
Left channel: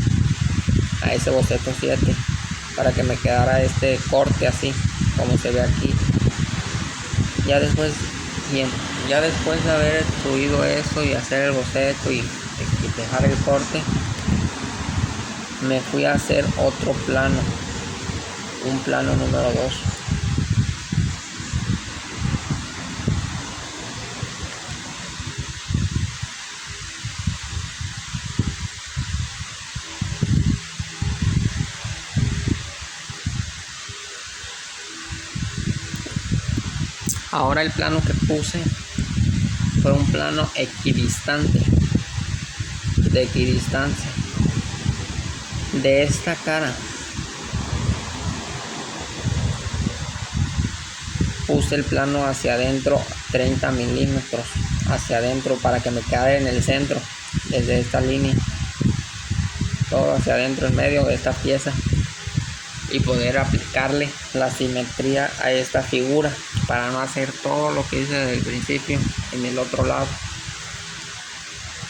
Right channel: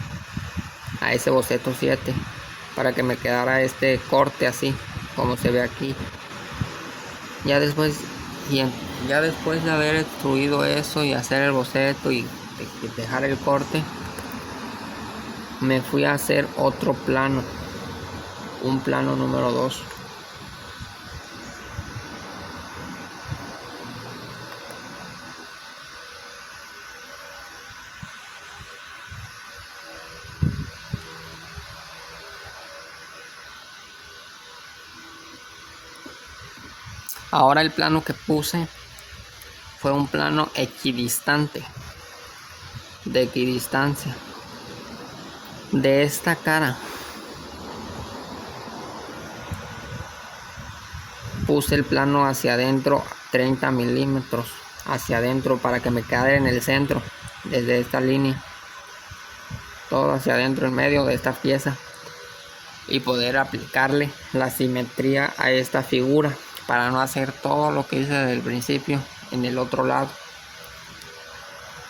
a ese boceto 7 para que me quedara este corte así como se ve aquí. Ya después de haber extruido eso y hacer el boceto y dejar el corte, me fui a hacer otro plano, un plano número 2. Ahora el plano que puse fue un plano equidistante, de equidistancia. De esta cara puse el plano hacia adentro 30 milímetros hacia adentro para que me quedara en el centro, desde esta línea, todo hacia adentro en medio de esta pieza, y poder aplicarle la simetría a esta figura para no hacer todo lo que hice desde el principio en el otro lado.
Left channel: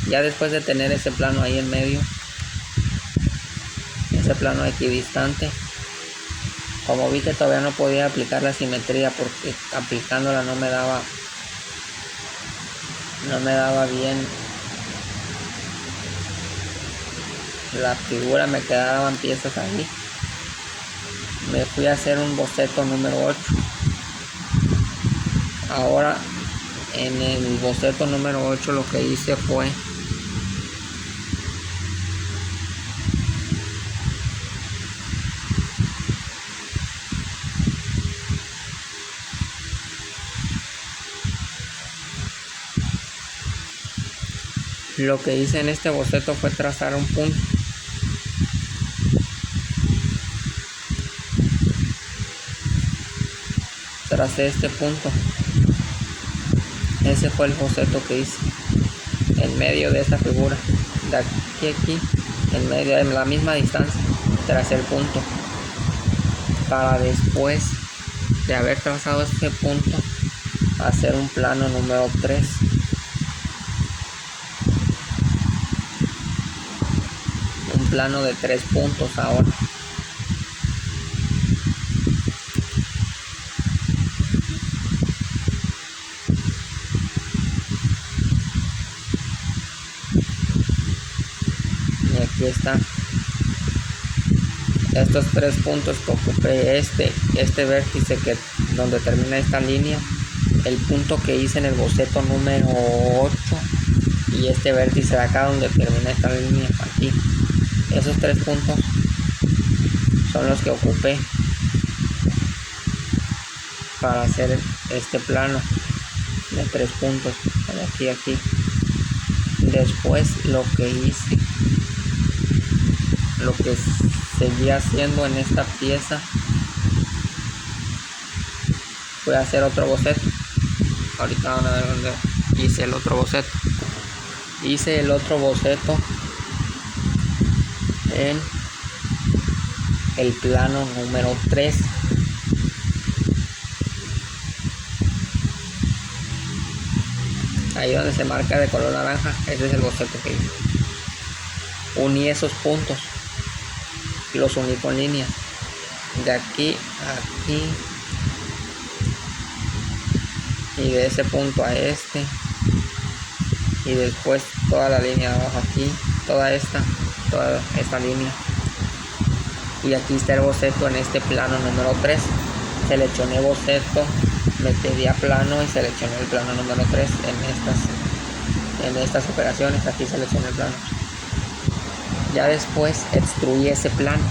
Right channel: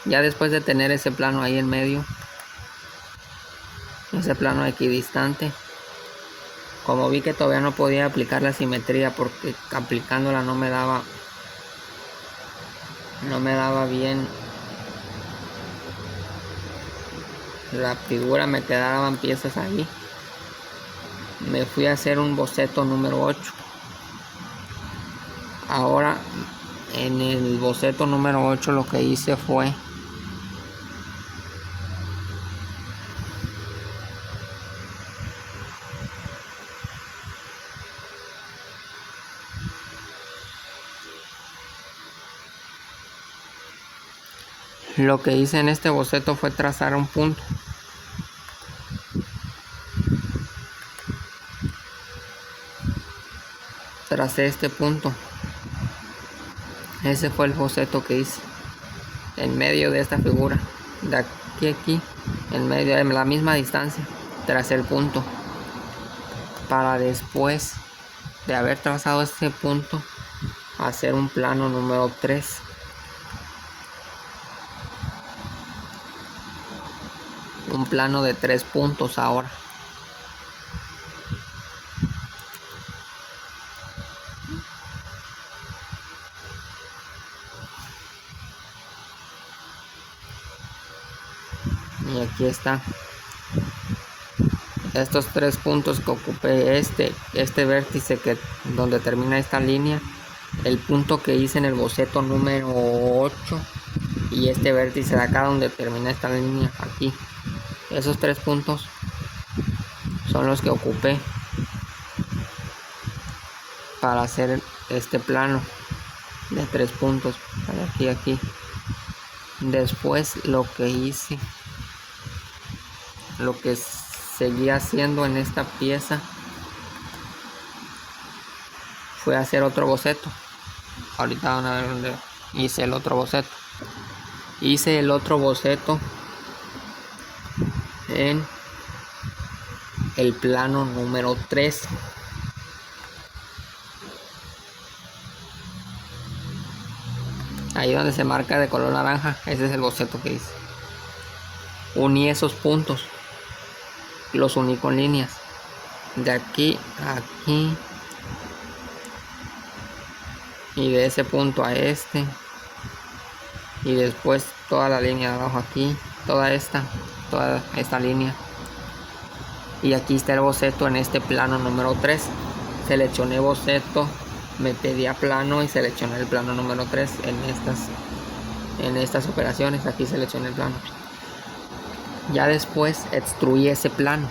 Ya después de tener ese plano ahí en medio, ese plano equidistante, como vi que todavía no podía aplicar la simetría porque aplicándola no me daba bien la figura, me quedaban piezas ahí. Me fui a hacer un boceto número 8. Ahora en el boceto número 8 lo que hice fue en este boceto fue trazar un punto. Tracé este punto. Ese fue el boceto que hice en medio de esta figura, de aquí a aquí, en medio de la misma distancia. Tracé el punto para después de haber trazado este punto hacer un plano número 3. Un plano de 3 puntos ahora. Y aquí está. Estos 3 puntos que ocupé, este vértice que donde termina esta línea, el punto que hice en el boceto número 8 y este vértice de acá donde termina esta línea aquí. Esos 3 puntos son los que ocupé para hacer este plano de 3 puntos de aquí a aquí. Después lo que hice, lo que seguía haciendo en esta pieza fue hacer otro boceto. Ahorita van a ver dónde hice el otro boceto. Hice el otro boceto en el plano número 3. Ahí donde se marca de color naranja, ese es el boceto que hice. Uní esos puntos, los uní con líneas, de aquí a aquí, y de ese punto a este, y después toda la línea de abajo aquí, toda esta línea, y aquí está el boceto en este plano número 3. Seleccioné boceto, me pedí a plano y seleccioné el plano número 3 en estas operaciones. Aquí seleccioné el plano. Ya después extruí ese plano,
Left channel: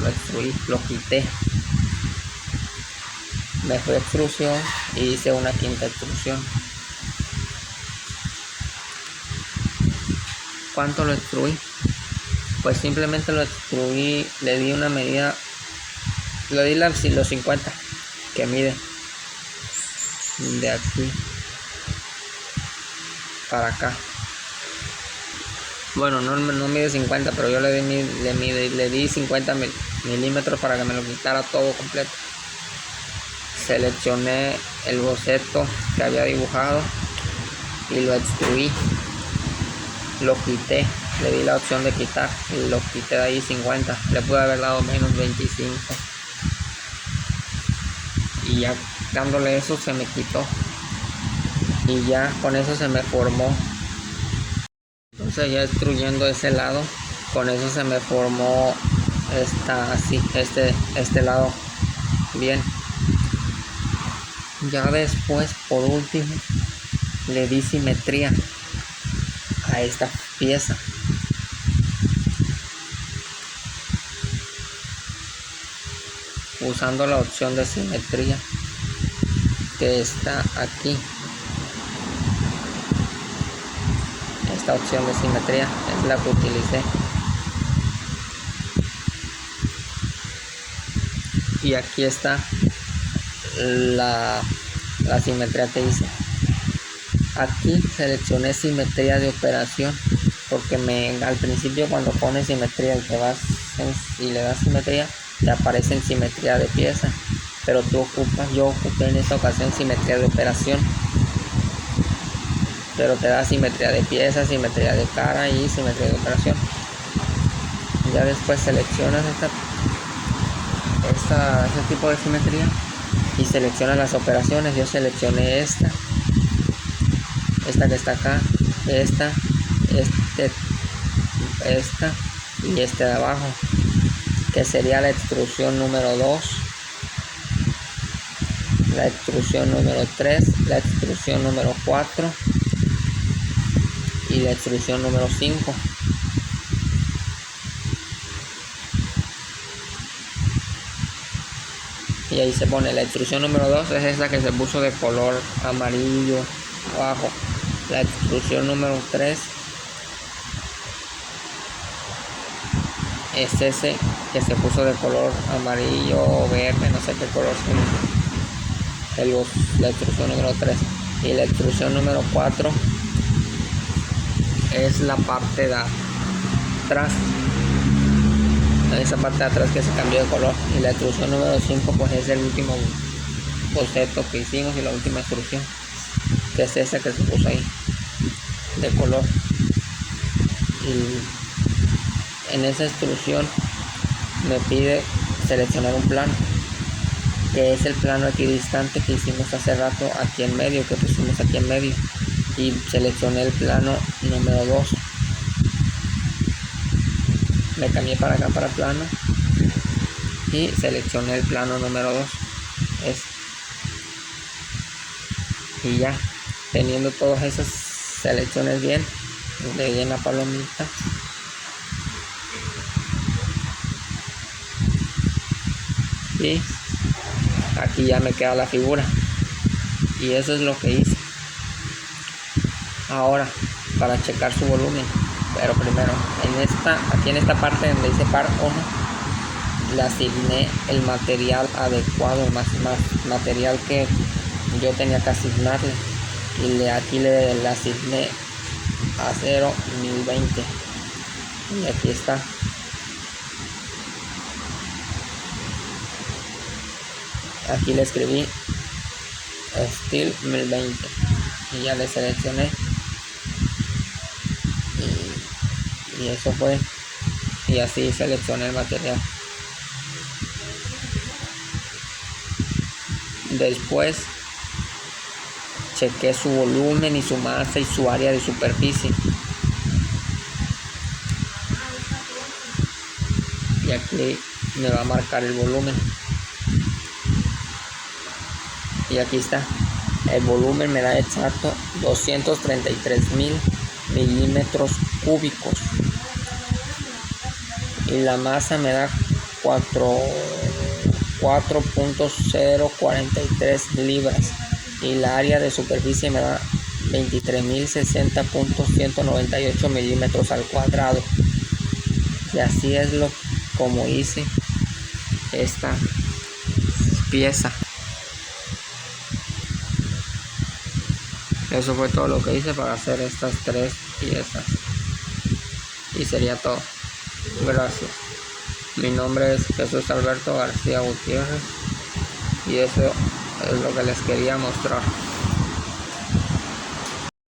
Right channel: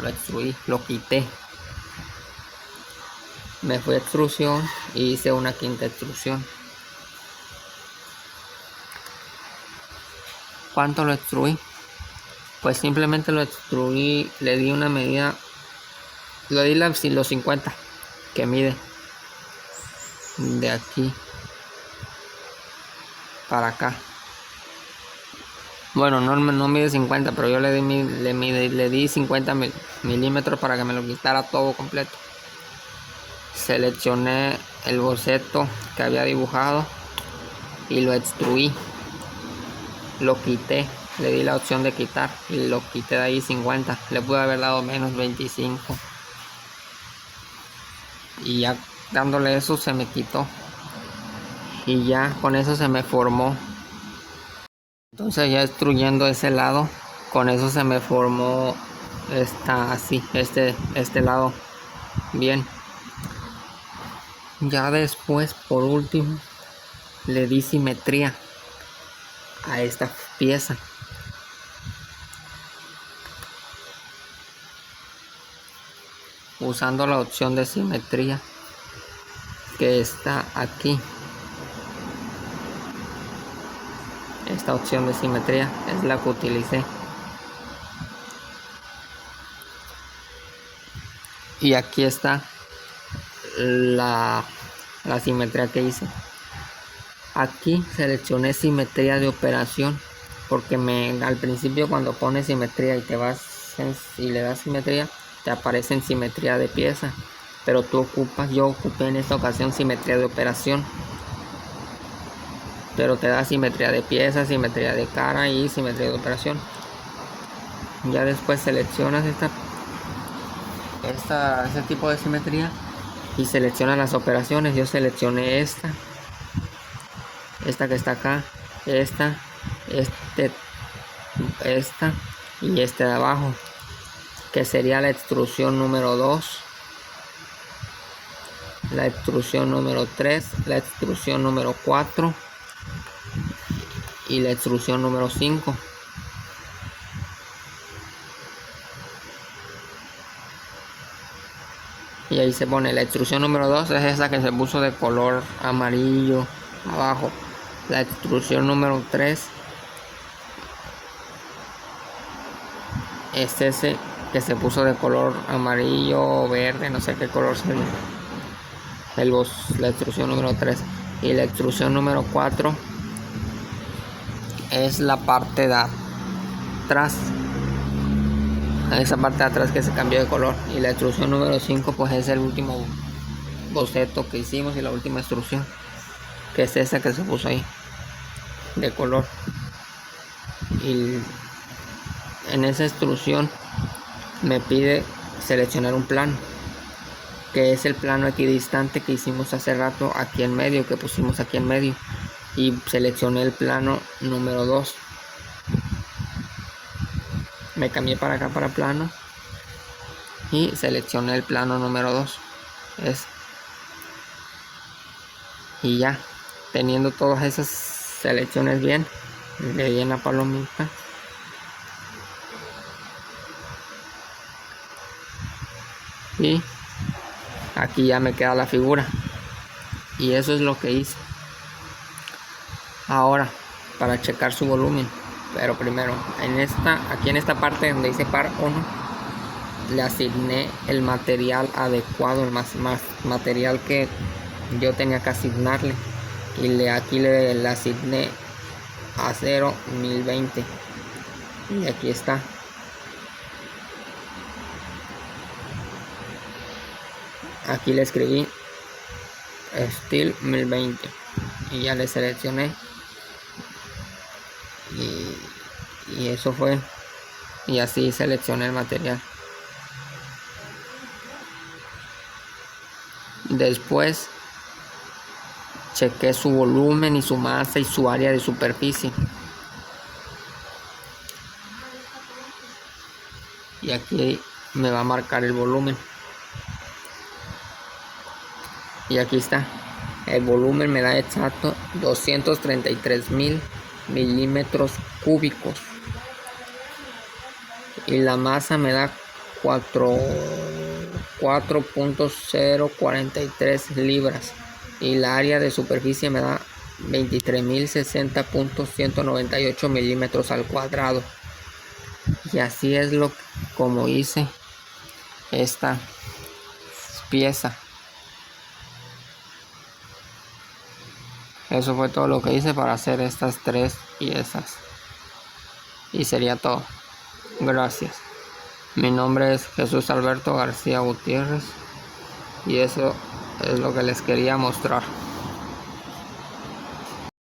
lo extruí, lo quité, me fui a extrusión y hice una quinta extrusión. ¿cuánto lo extruí? Pues simplemente lo extruí, le di una medida, le di los 50 que mide de aquí para acá. Bueno, no mide 50, pero yo le di 50 milímetros para que me lo quitara todo completo. Seleccioné el boceto que había dibujado y lo extruí, lo quité, le di la opción de quitar y lo quité de ahí 50, le pude haber dado menos 25 y ya dándole eso se me quitó y ya con eso se me formó. Entonces ya extruyendo ese lado, con eso se me formó este lado bien. Ya después, por último, le di simetría a esta pieza. Usando la opción de simetría que está aquí. Esta opción de simetría es la que utilicé. Y aquí está la simetría que hice. Aquí seleccioné simetría de operación porque al principio cuando pones simetría y le das simetría te aparece en simetría de pieza, pero yo ocupé en esta ocasión simetría de operación, pero te da simetría de pieza, simetría de cara y simetría de operación. Ya después seleccionas ese tipo de simetría y seleccionas las operaciones. Yo seleccioné esta que está acá, esta y esta de abajo, que sería la extrusión número 2, la extrusión número 3, la extrusión número 4 y la extrusión número 5. Y ahí se pone la extrusión número 2, es esa que se puso de color amarillo abajo. La extrusión número 3 es ese que se puso de color amarillo o verde, no sé qué color sería. La extrusión número 3. Y la extrusión número 4 es la parte de atrás, esa parte de atrás que se cambió de color. Y la extrusión número 5 pues es el último boceto que hicimos y la última extrusión, que es esa que se puso ahí de color. Y en esa extrusión me pide seleccionar un plano, que es el plano equidistante que hicimos hace rato aquí en medio, que pusimos aquí en medio, y seleccioné el plano número 2. Me cambié para acá para plano y seleccioné el plano número 2. Y ya teniendo todas esas selecciones bien, le di en la palomita y aquí ya me queda la figura, y eso es lo que hice. Ahora, para checar su volumen, pero primero aquí en esta parte donde dice par 1, le asigné el material adecuado, el material que yo tenía que asignarle, y aquí le asigné acero 1020, y aquí está. Aquí le escribí Steel 1020 y ya le seleccioné, y eso fue, y así seleccioné el material. Después chequé su volumen y su masa y su área de superficie, y aquí me va a marcar el volumen, y aquí está. El volumen me da exacto 233.000 milímetros cúbicos, y la masa me da 4.043 libras, y la área de superficie me da 23.060.198 milímetros al cuadrado. Y así es como hice esta pieza. Eso fue todo lo que hice para hacer estas 3 piezas. Y sería todo. Gracias. Mi nombre es Jesús Alberto García Gutiérrez. Y eso es lo que les quería mostrar.